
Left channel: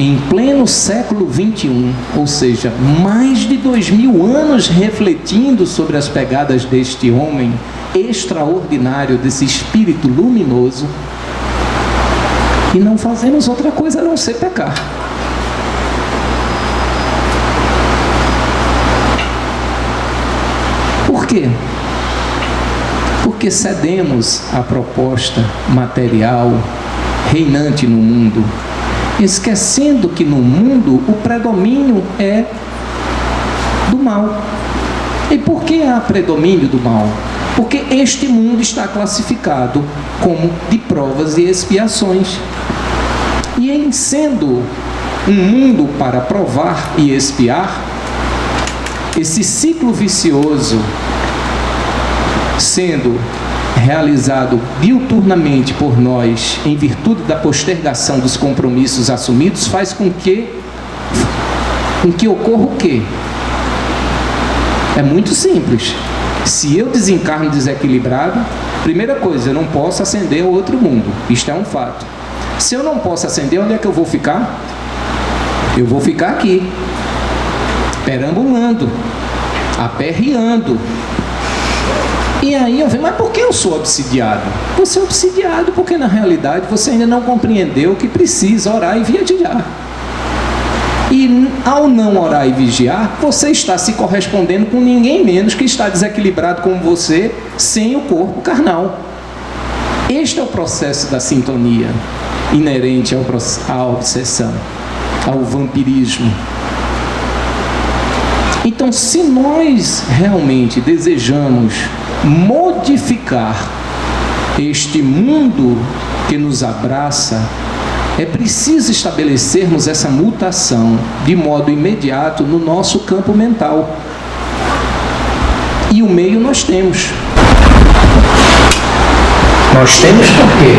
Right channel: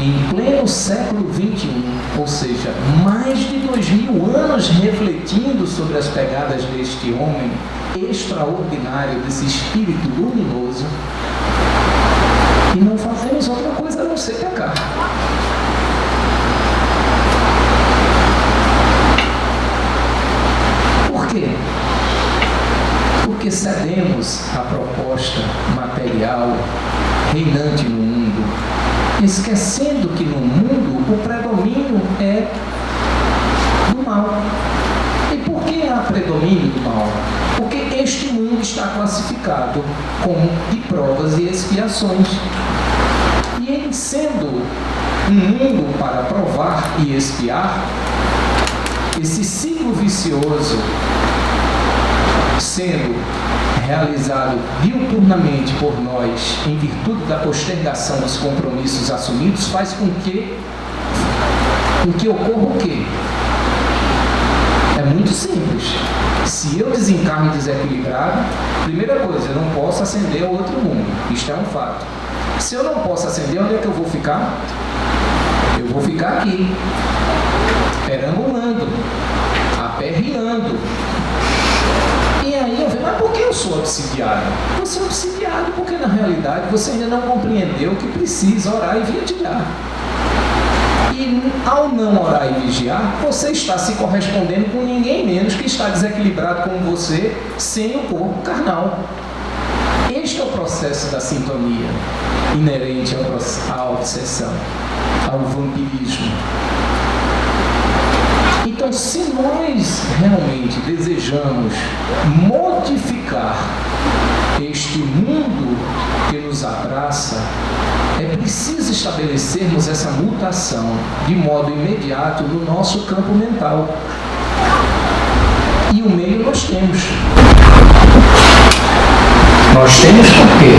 em pleno século 21, ou seja, mais de 2000 anos refletindo sobre as pegadas deste homem extraordinário, desse espírito luminoso, e não fazemos outra coisa a não ser pecar. Por quê? Porque cedemos à proposta material reinante no mundo, esquecendo que no mundo o predomínio é do mal. E por que há predomínio do mal? Porque este mundo está classificado como de provas e expiações. E em sendo um mundo para provar e expiar, esse ciclo vicioso sendo realizado diuturnamente por nós, em virtude da postergação dos compromissos assumidos, faz com que ocorra o quê? É muito simples. Se eu desencarno desequilibrado, primeira coisa, eu não posso ascender ao outro mundo. Isto é um fato. Se eu não posso ascender, onde é que eu vou ficar? Eu vou ficar aqui, perambulando, aperreando. E aí eu falei, mas por que eu sou obsidiado? Você é obsidiado porque na realidade você ainda não compreendeu que precisa orar e vigiar. E ao não orar e vigiar, você está se correspondendo com ninguém menos que está desequilibrado como você, sem o corpo carnal. Este é o processo da sintonia inerente à obsessão, ao vampirismo. Então, se nós realmente desejamos modificar este mundo que nos abraça, é preciso estabelecermos essa mutação de modo imediato no nosso campo mental. E o meio nós temos. Nós temos por quê?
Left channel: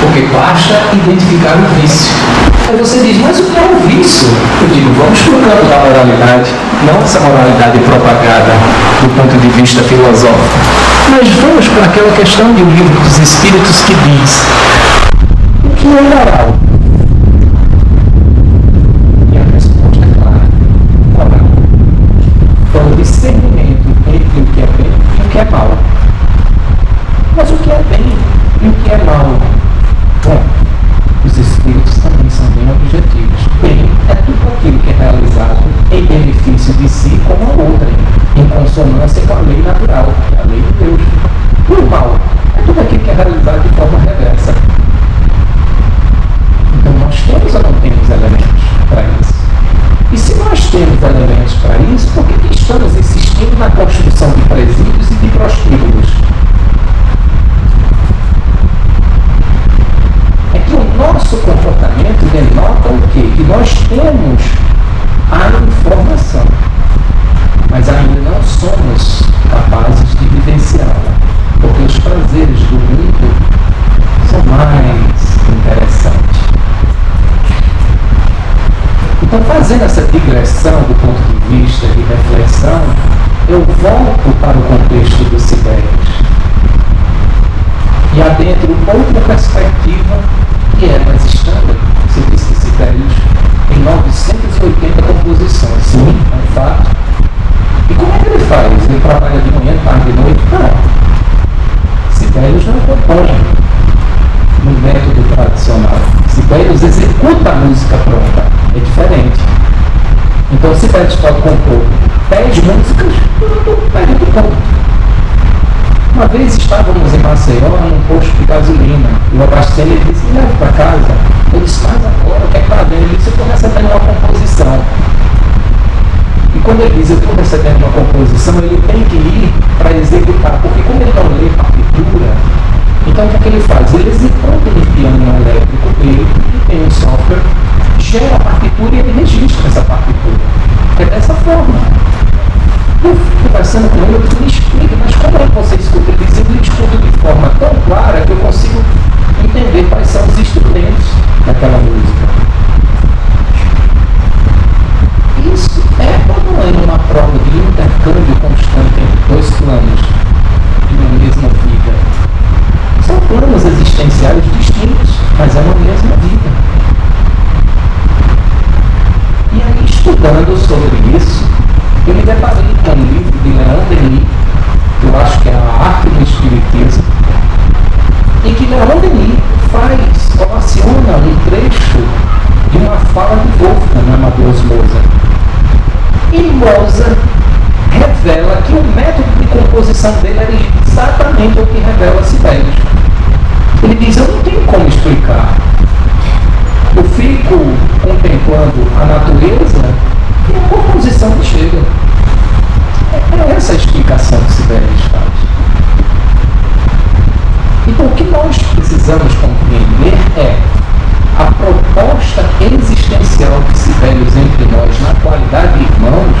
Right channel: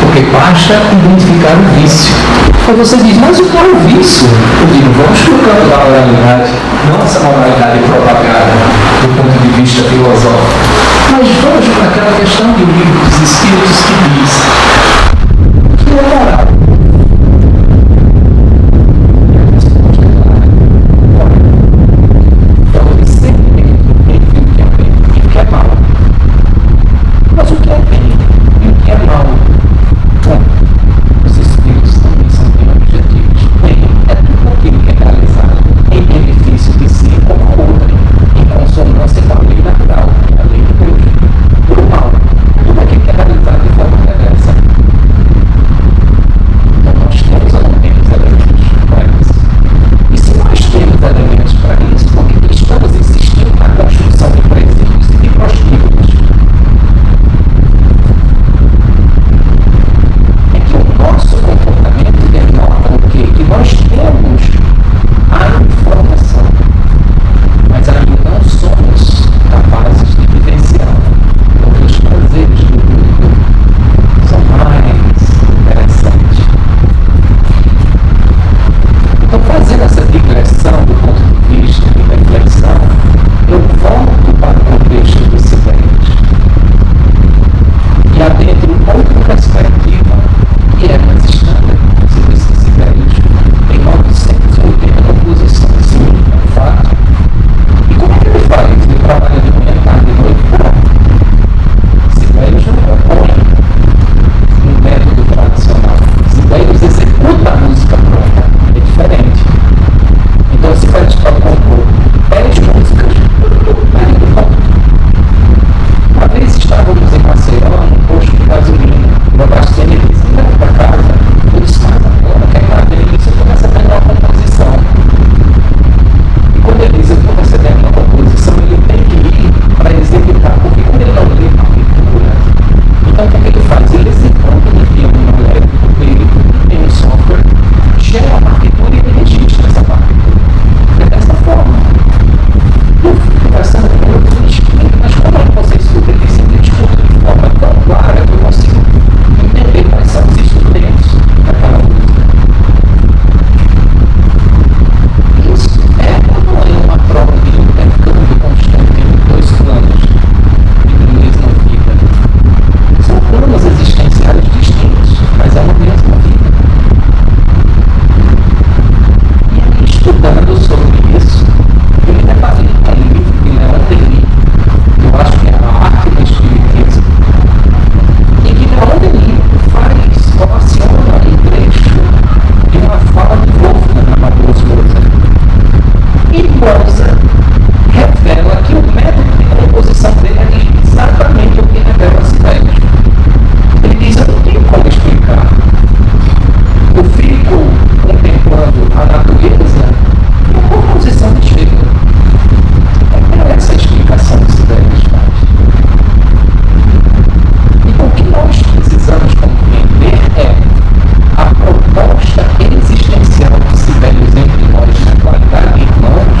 Porque basta identificar o vício. Aí você diz, mas o que é o vício? Eu digo, vamos para o campo da moralidade, não essa moralidade propagada do ponto de vista filosófico, mas vamos para aquela questão do livro dos Espíritos que diz o que é moral? E a resposta é clara, moral. É o discernimento entre o que é bem e o que é mal. Mas o que é bem e o que é mal? Bom, os Espíritos também são bem objetivos. Bem é tudo aquilo que é realizado em benefício de si como a outra, em consonância com a lei natural, que é a lei de Deus. E o mal é tudo aquilo que é realizado de forma reversa. Então nós temos ou não temos elementos para isso? E se nós temos elementos para isso, por que estamos insistindo na construção de presídios e de prostíbulos? É que o nosso comportamento denota o quê? Que nós temos a informação, mas ainda não somos capazes de vivenciá-la, porque os prazeres do mundo são mais interessantes. Então, fazendo essa digressão do ponto de vista de reflexão, eu volto para o contexto dos Sibelius e adentro outra perspectiva que é mais standard. Você disse que Sibelius tem 980 composições. Sim, é um fato. E como é que ele faz? Ele trabalha de manhã, tarde e noite? Não. Sibelius não compõe no método tradicional. Sibelius executa a música pronta. É diferente. Então, Sibelius pode compor 10 músicas no período ponto. Uma vez estávamos em Maceió, num posto de gasolina, e o abastecendo ele disse, me leva para casa. Eu disse, mas agora, o que é que está vendo? Ele disse, eu estou recebendo uma composição. E quando ele diz, eu estou recebendo uma composição, ele tem que ir para executar, porque como ele não lê partitura, então o que é que ele faz? Ele executa no piano elétrico dele, e tem um software, gera a partitura e ele registra essa partitura. É dessa forma. Eu fui conversando com ele, eu disse, me explica, mas como é que você escuta? Ele disse, eu escuto de forma tão clara que eu consigo entender quais são os instrumentos daquela música. Isso é ou não é uma prova de intercâmbio constante entre dois planos de uma mesma vida? São planos existenciais distintos, mas é uma mesma vida. E aí, estudando sobre isso, eu me deparei com um livro de Leon Denis, que eu acho que é a arte do espiritismo, em que Leon Denis relaciona um trecho de uma fala de Wolfgang Amadeus Mozart. E Mozart revela que o método de composição dele era exatamente o que revela Sibelius. Ele diz, eu não tenho como explicar. Eu fico contemplando a natureza e a composição me chega. É essa a explicação que Sibelius faz. Então, o que nós precisamos compreender é a proposta existencial de Sibelius entre nós na qualidade de irmãos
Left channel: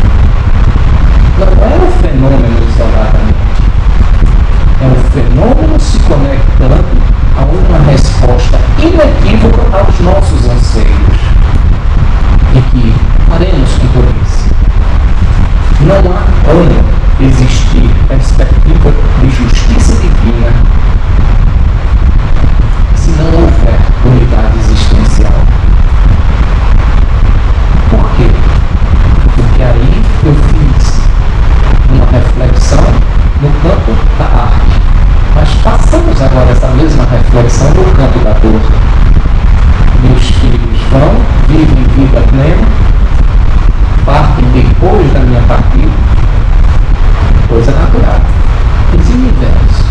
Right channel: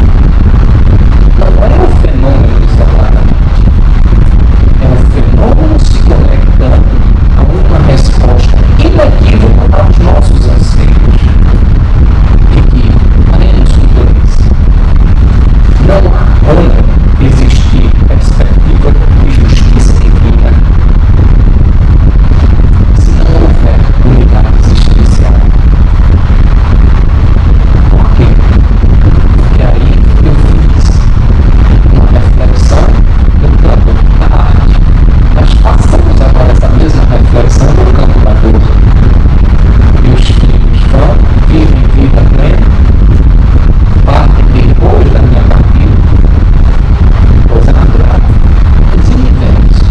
não é o fenômeno isoladamente. É um fenômeno se conectando a uma resposta inequívoca aos nossos anseios de que faremos que por isso. Não há como existir perspectiva de justiça divina se não houver unidade existencial. Por quê? Porque aí eu fiz uma reflexão no campo da arte. vida plena, partem depois da minha partida, coisa natural. Os universos.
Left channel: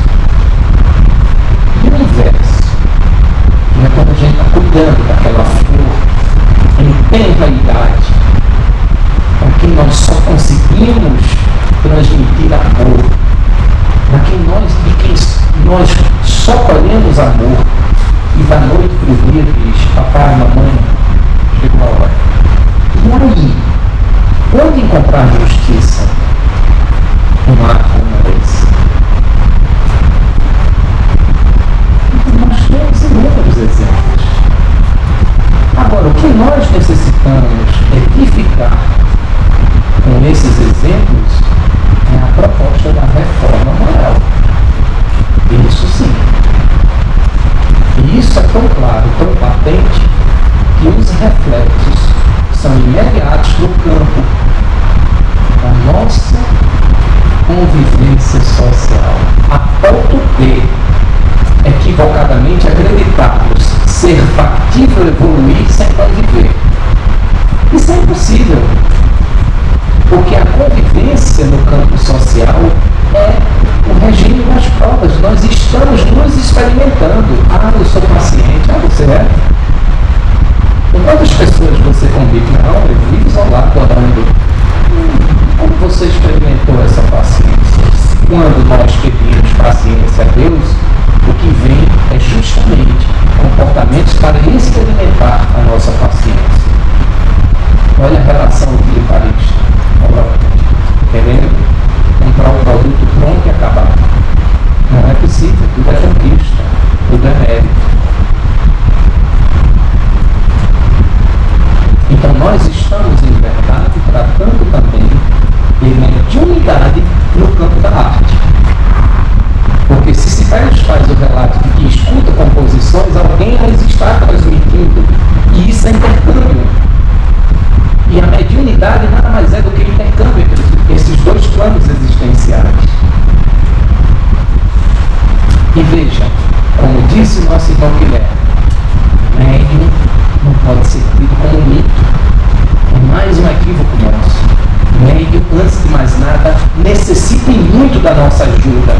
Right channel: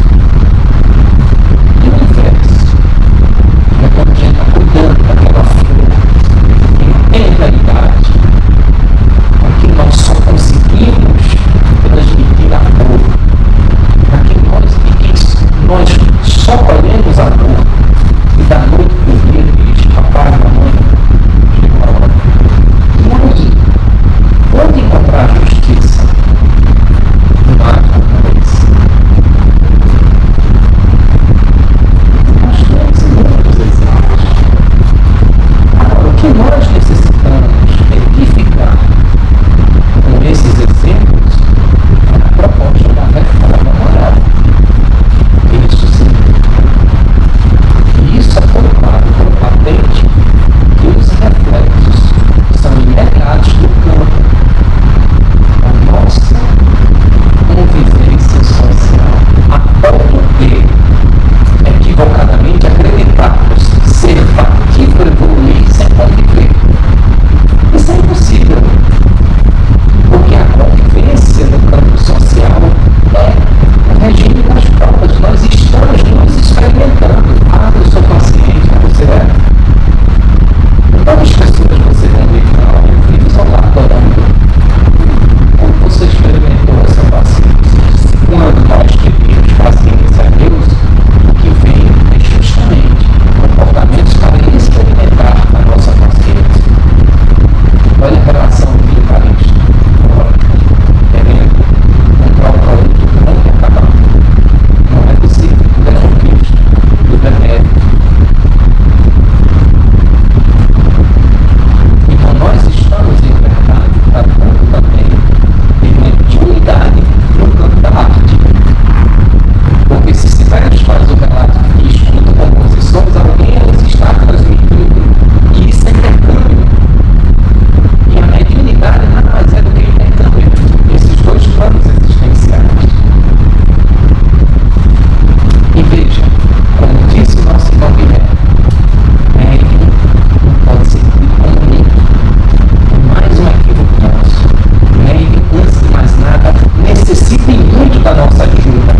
E o universo é quando a gente está cuidando daquela flor em tenra idade, aqui nós só conseguimos transmitir amor, aqui nós só colhemos amor, e da noite para o dia diz: papai, mamãe, chegou a hora. E aí, onde encontrar justiça num ato como esse? Então, nós temos inúmeros exemplos. Agora, o que nós necessitamos edificar com esses exemplos é a proposta da reforma moral. Isso sim. E isso é tão claro, tão patente, que os reflexos são imediatos no campo da nossa convivência social, a ponto de equivocadamente acreditarmos ser factível evoluir sem conviver. Isso é impossível, porque a convivência no campo social é o regime das provas. Nós estamos nos experimentando. Ah, eu sou paciente. Ah, você é? Com quantas pessoas você convive? Não, eu vivo isolado, orando. Como você experimentou essa paciência? Quando nós pedimos paciência a Deus, o que vem é justamente comportamentos para experimentar a nossa paciência. Olha a relação utilitarista. Querendo comprar o produto pronto e acabar. Não é possível, tudo é conquista, tudo é mérito. Então nós estamos em verdade tratando também de mediunidade no campo da arte. Porque se Sibelius faz o relato de que escuta composições, alguém as está transmitindo. E isso é intercâmbio. E a mediunidade nada mais é do que intercâmbio entre esses dois planos existenciais. E veja, como disse nosso irmão Guilherme, médium não pode ser tido como um mito. É mais um equívoco nosso. Médium, antes de mais nada, necessita muito da nossa ajuda.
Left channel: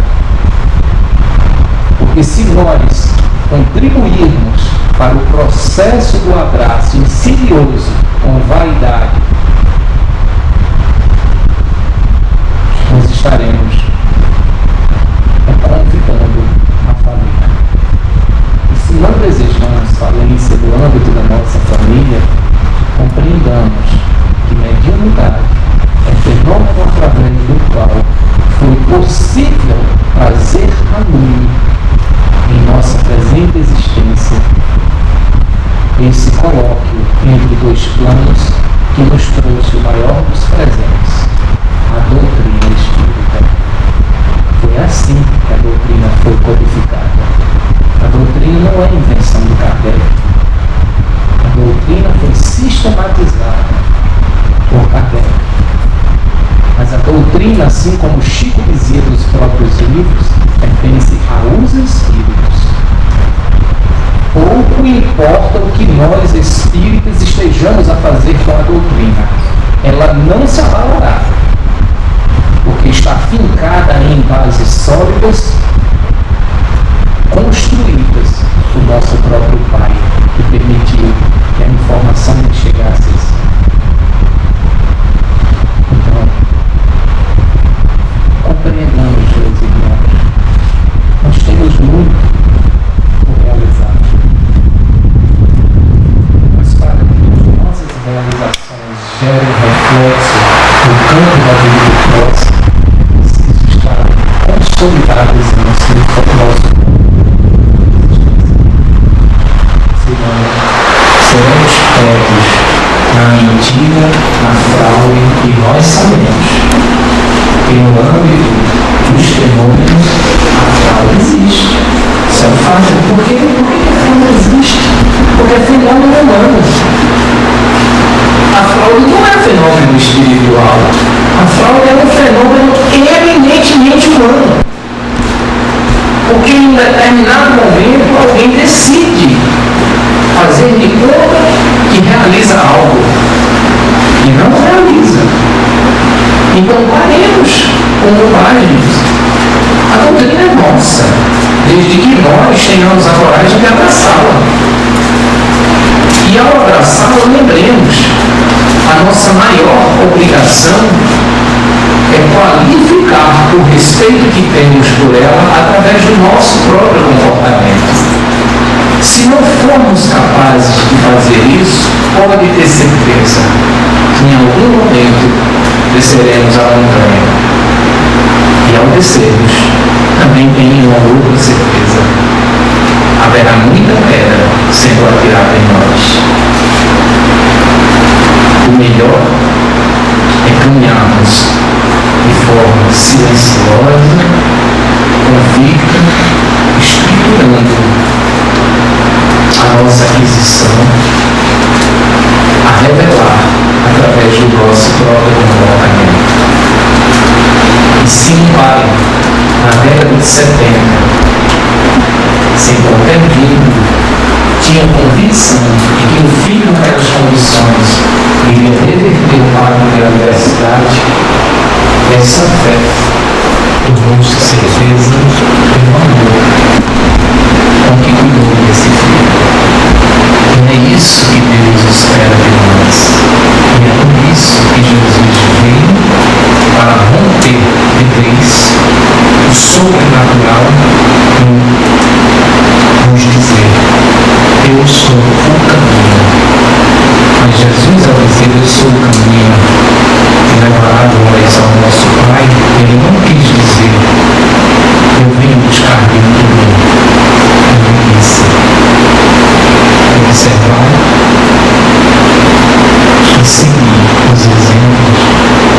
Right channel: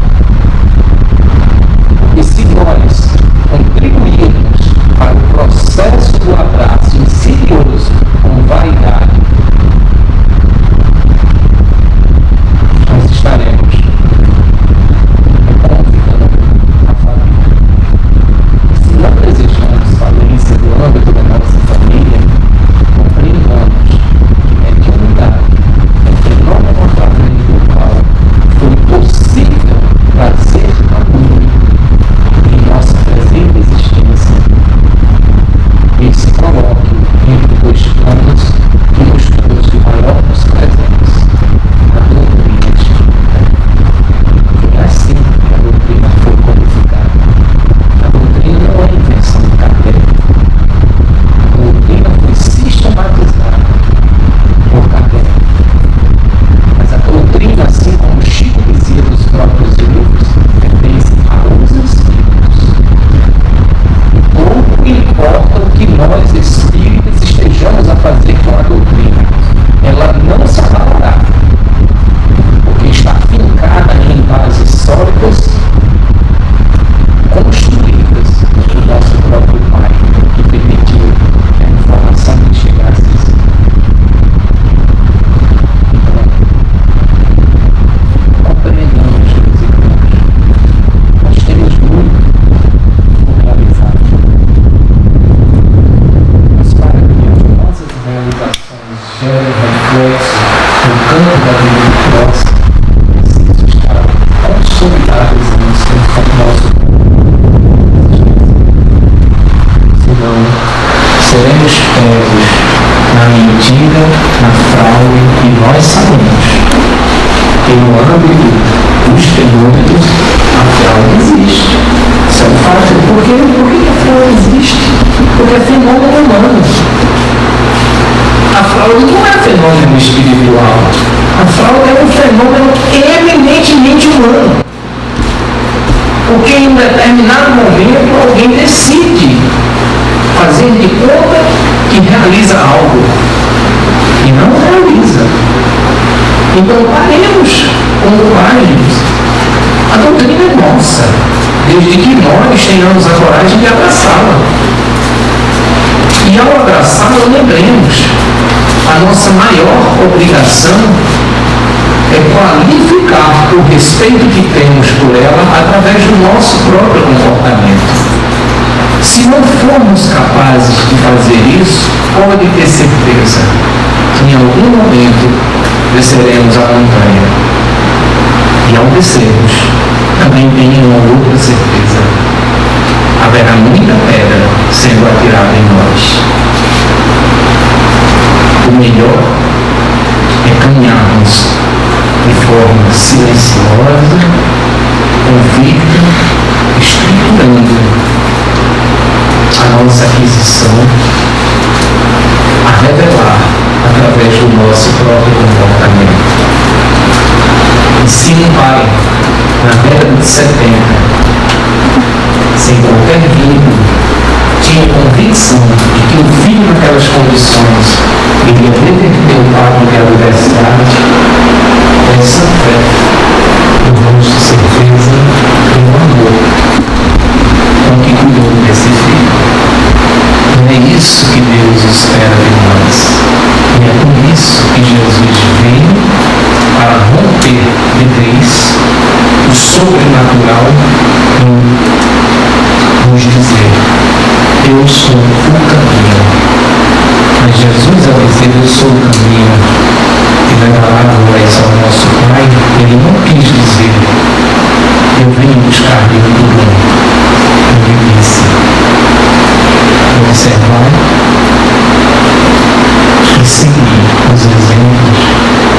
Porque se nós contribuirmos para o processo do abraço insidioso com vaidade, nós estaremos convidando a família. E se não desejamos falência do âmbito da nossa família, compreendamos que mediunidade é fenômeno através do qual foi possível trazer a mim, em nossa presente existência, esse colóquio entre dois planos que nos trouxe o maior dos presentes, a doutrina espírita. Foi assim que a doutrina foi codificada. A doutrina não é invenção de Kardec. A doutrina foi sistematizada por Kardec. Mas a doutrina, assim como Chico dizia nos próprios livros, pertence aos espíritos. Pouco importa o que nós espíritas estejamos a fazer com a doutrina. Ela não se abalará, porque está fincada em bases sólidas, construídas por nosso próprio Pai, que permitiu que a informação lhe chegasse. Então, compreendamos, meus irmãos, nós temos muito por realizar. Mas para que as nossas realizações gerem reflexo no campo da vida próxima, preciso estar consolidados no nosso campo. Senão, seremos pegos na mentira, na fraude, e nós sabemos que no âmbito dos fenômenos a fraude existe. Isso é um fato. Por que a fraude existe? Porque é fenômeno humano. A fraude não é fenômeno espiritual. A fraude é um fenômeno eminentemente humano. Porque em um determinado momento alguém decide fazer de conta que realiza algo. e não realiza. Então paremos com bobagens. A doutrina é nossa, desde que nós tenhamos a coragem de abraçá-la. E ao abraçá-la, lembremos, a nossa maior obrigação é qualificar o respeito que temos por ela através do nosso próprio comportamento. Se não formos capazes de fazer isso, pode ter certeza que em algum momento desceremos a montanha. E ao descermos, também tenho uma outra certeza: haverá muita pedra sendo atirada em nós. O melhor é caminharmos de forma silenciosa, convicta, estruturando a nossa aquisição a revelar através do nosso próprio comportamento. E se um pai, na década de 70, sem qualquer vínculo, tinha convicção de que o filho naquelas condições iria reverter o pacto da universidade, essa fé tornou-se certeza do amor com que cuidou desse filho. E é isso que Deus espera de nós. E é por isso que Jesus veio para romper de vez o sobrenatural e nos dizer: eu sou o caminho. Mas Jesus, ao dizer eu sou o caminho e levará glórias ao nosso Pai, ele não quis dizer eu venho buscar de muito bem. Ele disse: observar e seguir os exemplos,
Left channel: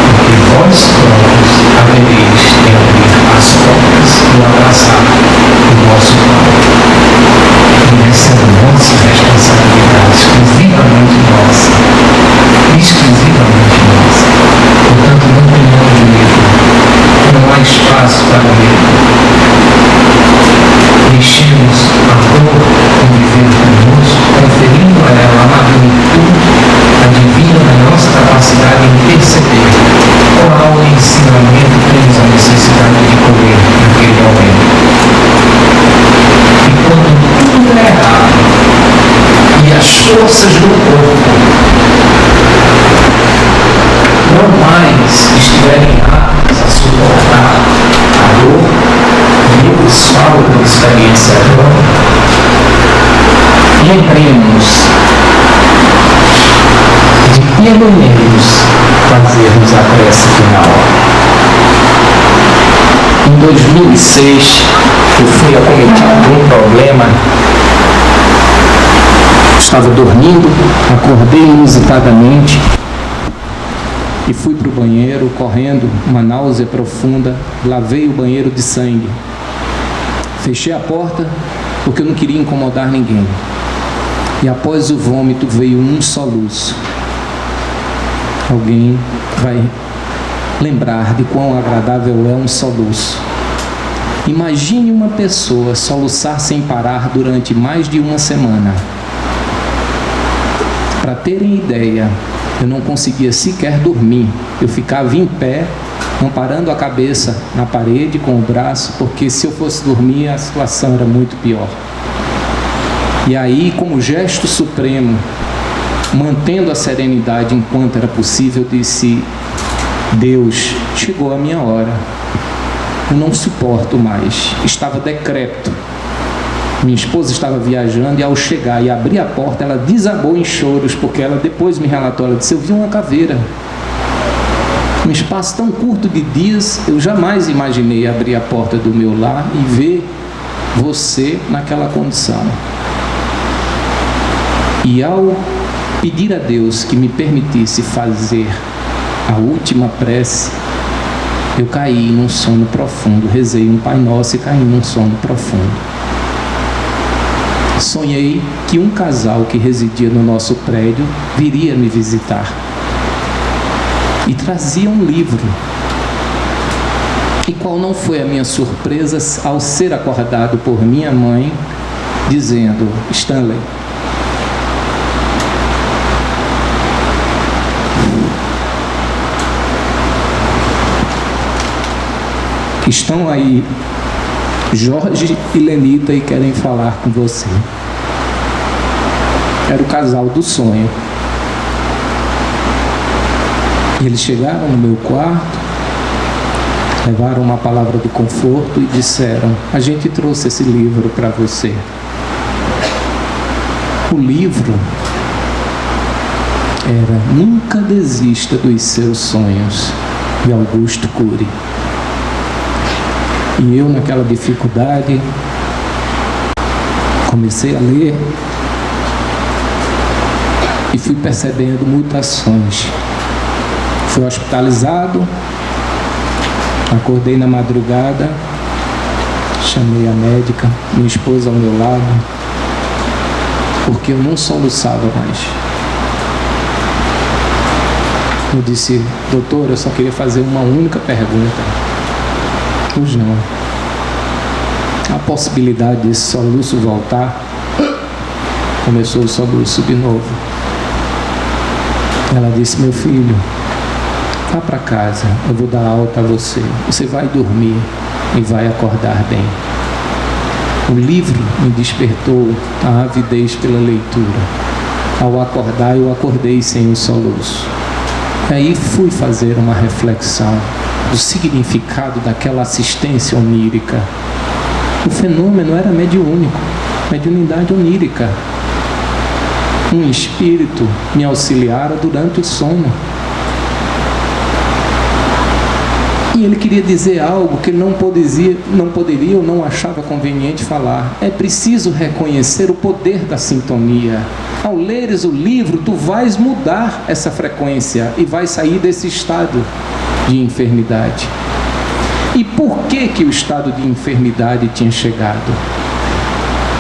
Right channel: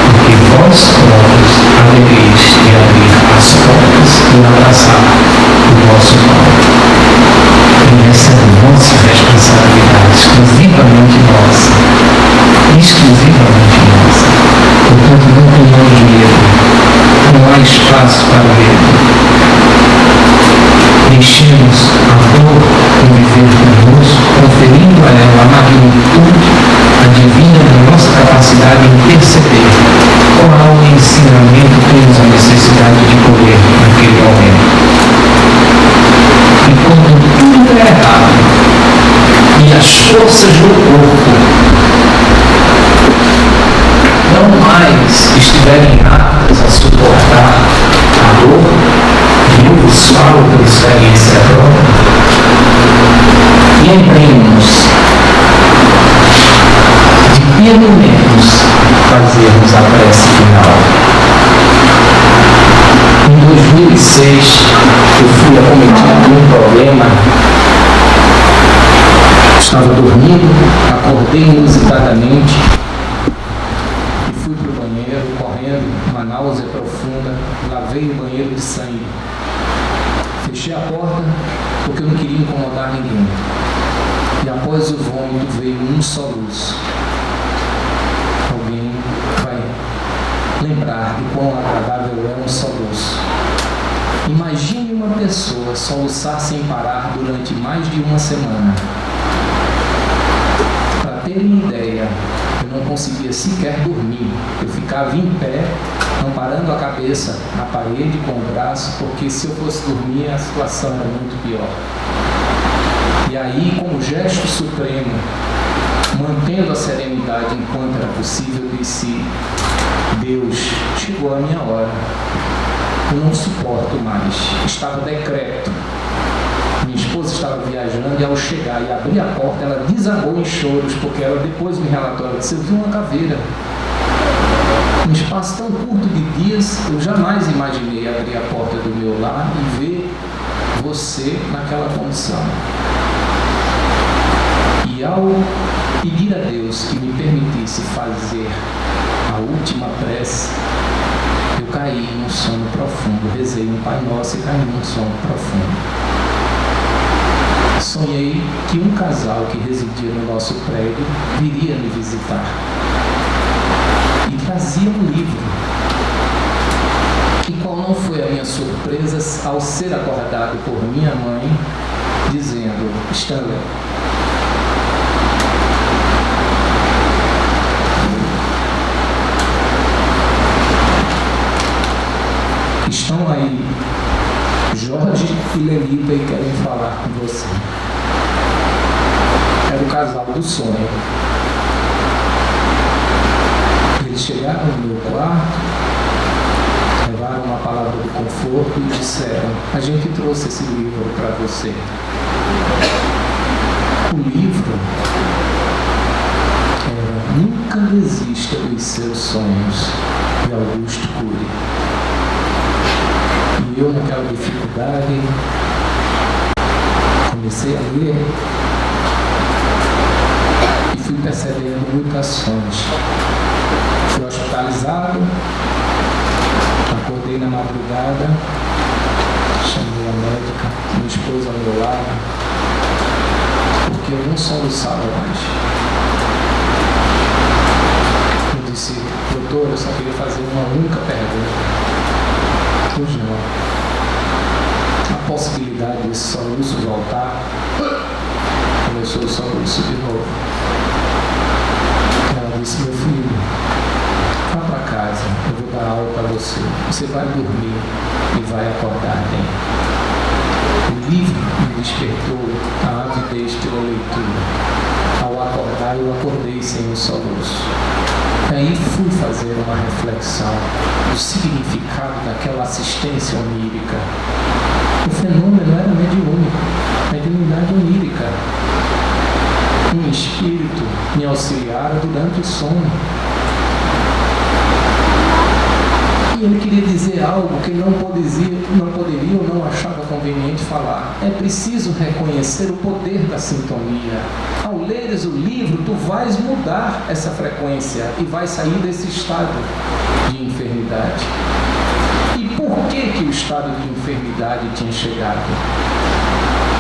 porque vós próprios havereis de abrir as portas e abraçar o vosso Pai. E essa é a nossa responsabilidade, exclusivamente nossa. Exclusivamente nossa. Portanto, não tenhamos medo. Não há espaço para medo. Deixemos a dor conviver conosco, conferindo a ela a magnitude, a divina da nossa capacidade em perceber qual ensinamento temos a necessidade de colher naquele momento. E quando tudo é errado e as forças do corpo não mais estiverem aptas a suportar a dor, e eu vos falo por experiência própria, lembremos de pelo menos fazermos a prece final. Em 2006, eu fui acometido de um problema. Estava dormindo, acordei inusitadamente e fui para o banheiro, correndo, uma náusea profunda, lavei o banheiro de sangue. Fechei a porta porque eu não queria incomodar ninguém. E após o vômito veio um soluço. Alguém vai lembrar de quão agradável é um soluço. Imagine uma pessoa soluçar sem parar durante mais de uma semana. Para terem ideia, eu não conseguia sequer dormir. Eu ficava em pé, amparando a cabeça na parede com o braço, porque se eu fosse dormir a situação era muito pior. E aí, como gesto supremo, mantendo a serenidade enquanto era possível, disse: Deus, chegou a minha hora. Eu não suporto mais. Estava decrépito. Minha esposa estava viajando e ao chegar e abrir a porta, ela desabou em choros, porque ela depois me relatou, ela disse: eu vi uma caveira. Num espaço tão curto de dias, eu jamais imaginei abrir a porta do meu lar e ver você naquela condição. E ao pedir a Deus que me permitisse fazer a última prece, eu caí num sono profundo, rezei um Pai Nosso e caí num sono profundo. Sonhei que um casal que residia no nosso prédio viria me visitar e trazia um livro. E qual não foi a minha surpresa ao ser acordado por minha mãe dizendo: Stanley, Estão aí Jorge e Lenita e querem falar com você. Era o casal do sonho. Eles chegaram no meu quarto, levaram uma palavra de conforto e disseram: a gente trouxe esse livro para você. O livro era Nunca Desista dos Seus Sonhos, de Augusto Cury. E eu, naquela dificuldade, comecei a ler e fui percebendo mutações. Fui hospitalizado, acordei na madrugada, chamei a médica, minha esposa ao meu lado, porque eu não soluçava mais. Eu disse: doutor, eu só queria fazer uma única pergunta. Pois não. A possibilidade desse soluço voltar. Começou o soluço de novo. Ela disse: meu filho, vá para casa, eu vou dar alta a você. Você vai dormir e vai acordar bem. O livro me despertou a avidez pela leitura. Ao acordar, eu acordei sem o soluço. E aí fui fazer uma reflexão do significado daquela assistência onírica. O fenômeno era mediúnico, mediunidade onírica. Um espírito me auxiliara durante o sono. E ele queria dizer algo que não poderia ou não achava conveniente falar. É preciso reconhecer o poder da sintonia. Ao leres o livro, tu vais mudar essa frequência e vais sair desse estado de enfermidade. E por que o estado de enfermidade tinha chegado?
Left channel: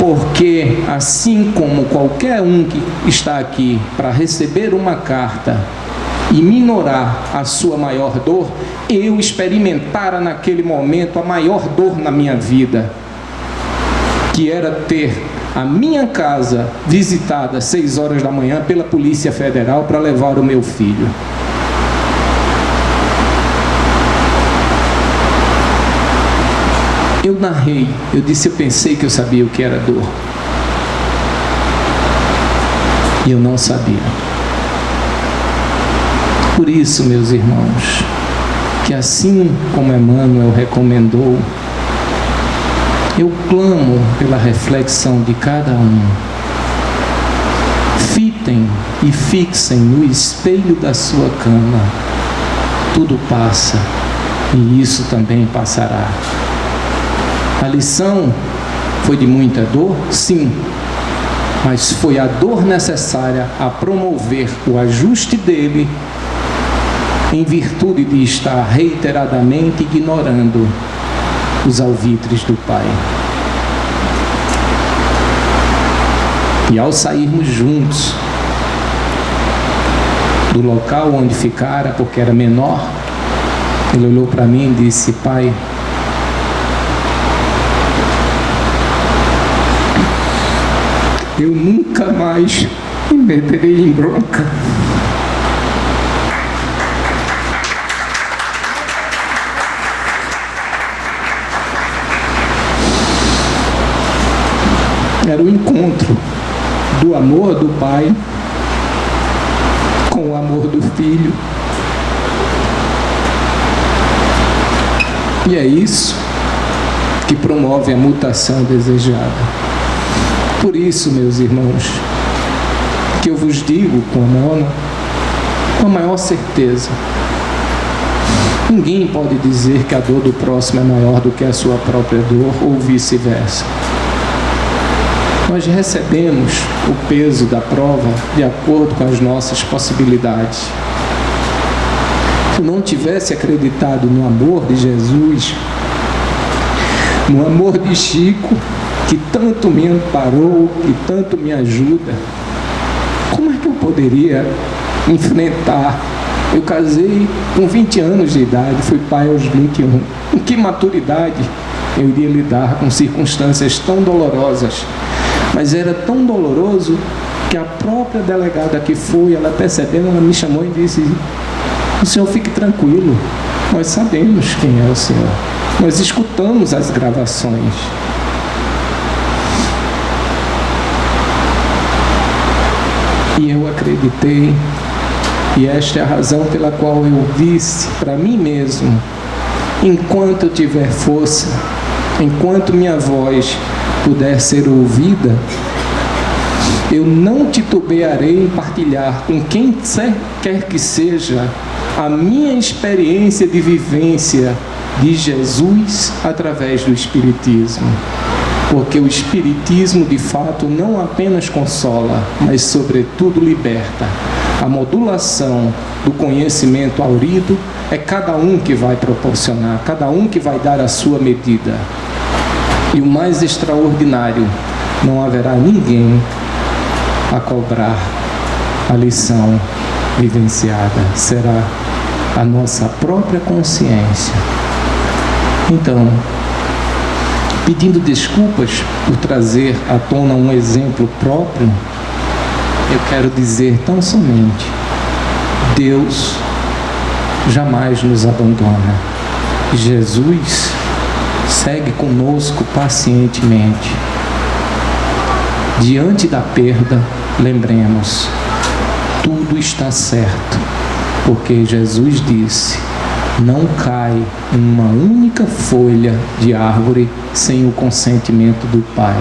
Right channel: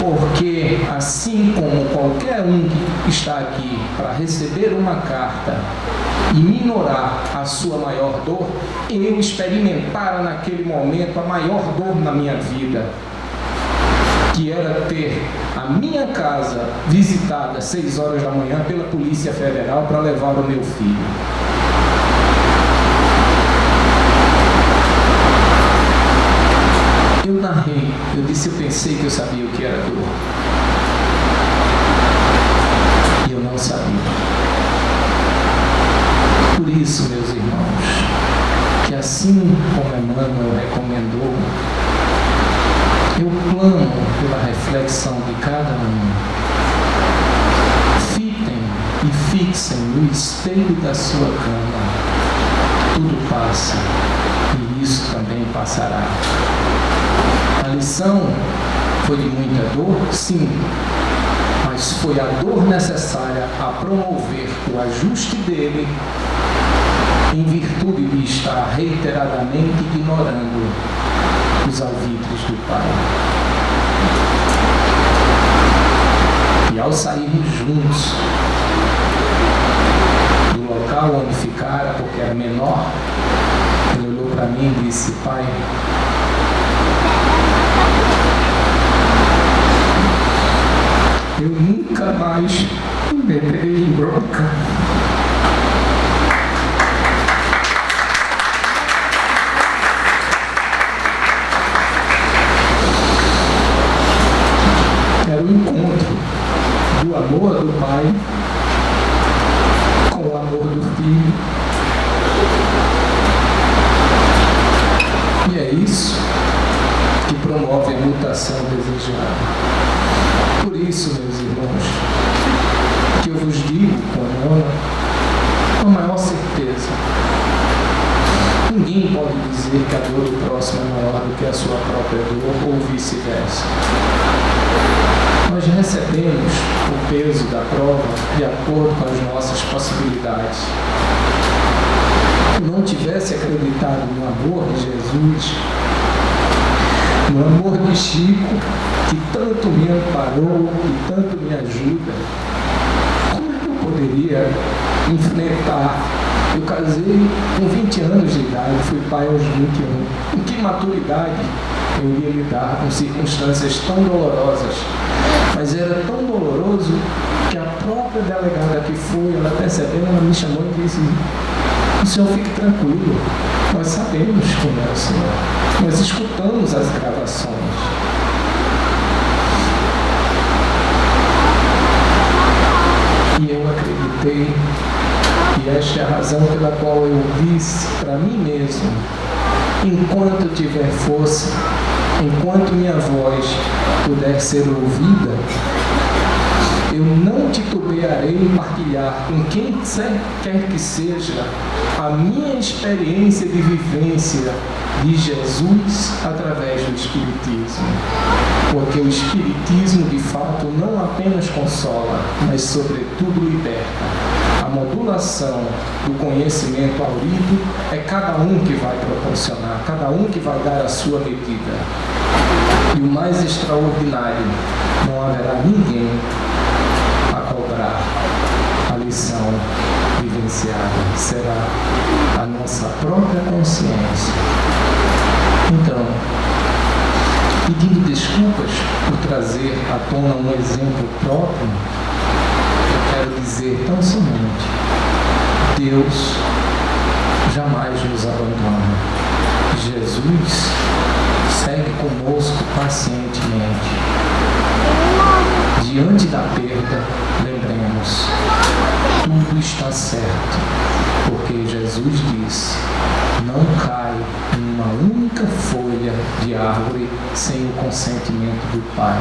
Porque assim como qualquer um que está aqui para receber uma carta e minorar a sua maior dor, eu experimentara naquele momento a maior dor na minha vida, que era ter a minha casa visitada às 6 horas da manhã pela Polícia Federal para levar o meu filho. Eu narrei, eu disse, eu pensei que eu sabia o que era dor. E eu não sabia. Por isso, meus irmãos, que assim como Emmanuel recomendou, eu clamo pela reflexão de cada um. Fitem e fixem no espelho da sua cama. Tudo passa e isso também passará. A lição foi de muita dor? Sim. Mas foi a dor necessária a promover o ajuste dele em virtude de estar reiteradamente ignorando os alvitres do Pai. E ao sairmos juntos do local onde ficara, porque era menor, ele olhou para mim e disse: pai, eu nunca mais me meterei em bronca. Era o encontro do amor do pai com o amor do filho. E é isso que promove a mutação desejada. Por isso, meus irmãos, que eu vos digo com a maior certeza, ninguém pode dizer que a dor do próximo é maior do que a sua própria dor, ou vice-versa. Nós recebemos o peso da prova de acordo com as nossas possibilidades. Se eu não tivesse acreditado no amor de Jesus, no amor de Chico, que tanto me amparou, que tanto me ajuda, como é que eu poderia enfrentar? Eu casei com 20 anos de idade, fui pai aos 21. Com que maturidade eu iria lidar com circunstâncias tão dolorosas? Mas era tão doloroso que a própria delegada que foi, ela percebendo, ela me chamou e disse: O senhor fique tranquilo, nós sabemos quem é o senhor. Nós escutamos as gravações. E eu acreditei, e esta é a razão pela qual eu disse para mim mesmo: enquanto eu tiver força, enquanto minha voz puder ser ouvida, eu não titubearei em partilhar com quem quer que seja a minha experiência de vivência de Jesus através do Espiritismo. Porque o Espiritismo, de fato, não apenas consola, mas, sobretudo, liberta. A modulação do conhecimento aurido é cada um que vai proporcionar, cada um que vai dar a sua medida. E o mais extraordinário, não haverá ninguém a cobrar a lição vivenciada. Será a nossa própria consciência. Então, pedindo desculpas por trazer à tona um exemplo próprio, eu quero dizer tão somente: Deus jamais nos abandona. Jesus segue conosco pacientemente. Diante da perda, lembremos, tudo está certo, porque Jesus disse: não cai uma única folha de árvore sem o consentimento do Pai.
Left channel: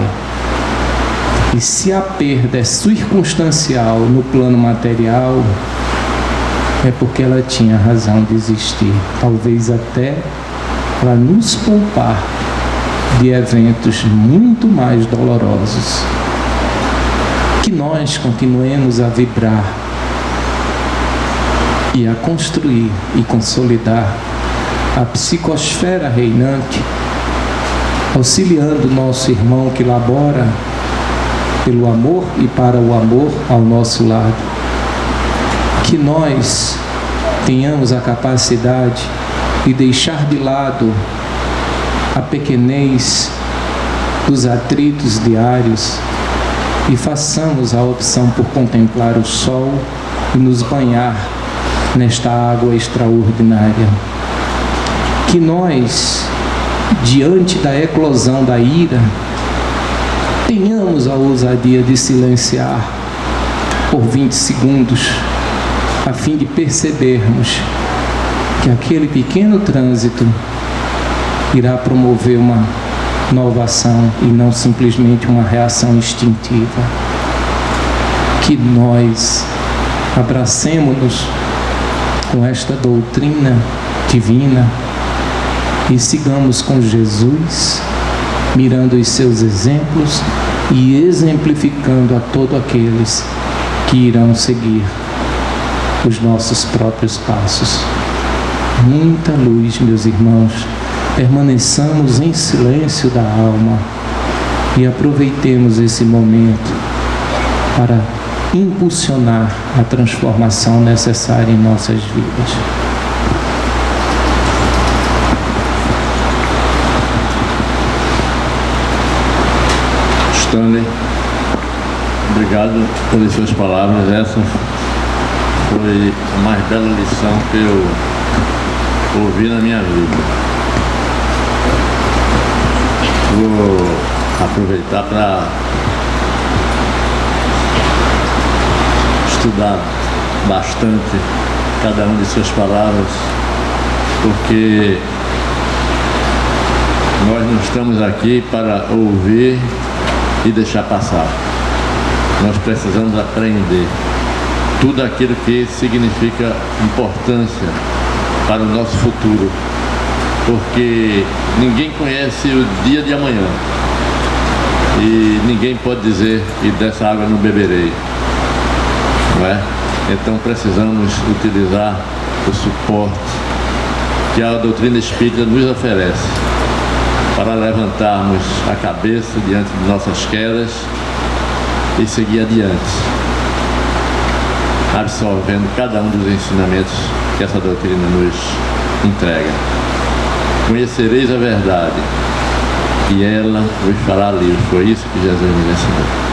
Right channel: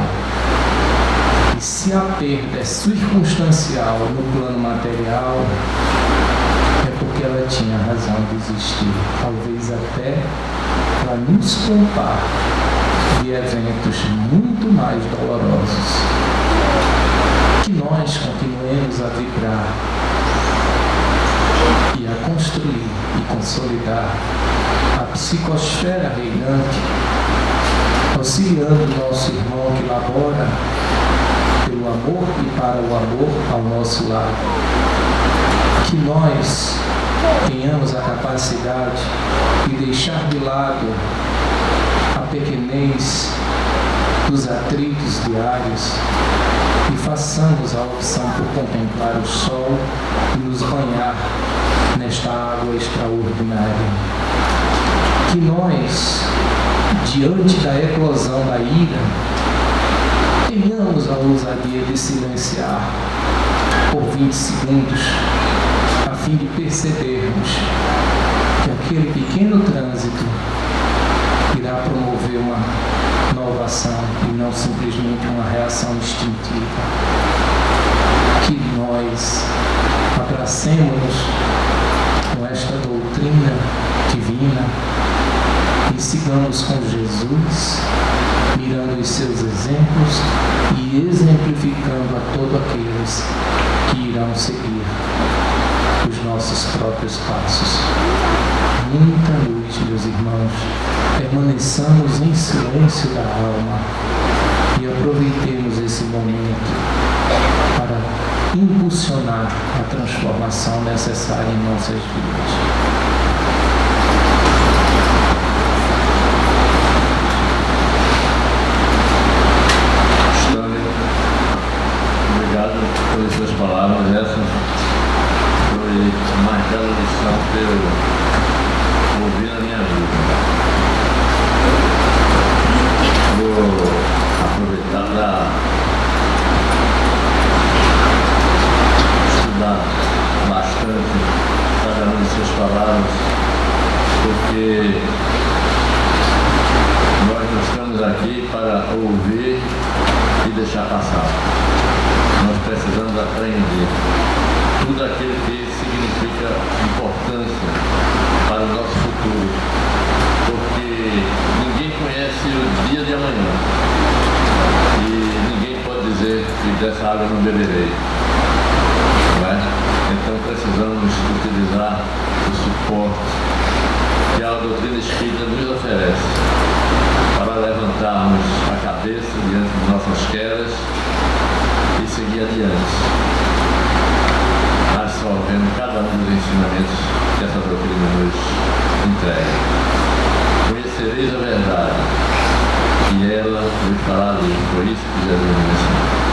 E se a perda é circunstancial no plano material, é porque ela tinha razão de existir, talvez até para nos poupar de eventos muito mais dolorosos. Que nós continuemos a vibrar e a construir e consolidar a psicosfera reinante, auxiliando nosso irmão que labora pelo amor e para o amor ao nosso lado. Que nós tenhamos a capacidade de deixar de lado a pequenez dos atritos diários e façamos a opção por contemplar o sol e nos banhar nesta água extraordinária. Que nós, diante da eclosão da ira, tenhamos a ousadia de silenciar por 20 segundos, a fim de percebermos que aquele pequeno trânsito irá promover uma nova ação e não simplesmente uma reação instintiva. Que nós abracemos-nos com esta doutrina divina e sigamos com Jesus, mirando os seus exemplos e exemplificando a todos aqueles que irão seguir os nossos próprios passos. Muita luz, meus irmãos. Permaneçamos em silêncio da alma e aproveitemos esse momento para impulsionar a transformação necessária em nossas vidas. Stanley, obrigado pelas suas palavras. Essa foi a mais bela lição que eu ouvi na minha vida. Vou aproveitar para estudar bastante cada uma de suas palavras, porque nós não estamos aqui para ouvir e deixar passar. Nós precisamos aprender tudo aquilo que significa importância para o nosso futuro, porque ninguém conhece o dia de amanhã e ninguém pode dizer: e dessa água não beberei, não é? Então precisamos utilizar o suporte que a doutrina espírita nos oferece para levantarmos a cabeça diante de nossas quedas e seguir adiante, absorvendo cada um dos ensinamentos que essa doutrina nos entrega. Conhecereis a verdade e ela vos fará livre. Foi isso que Jesus nos ensinou.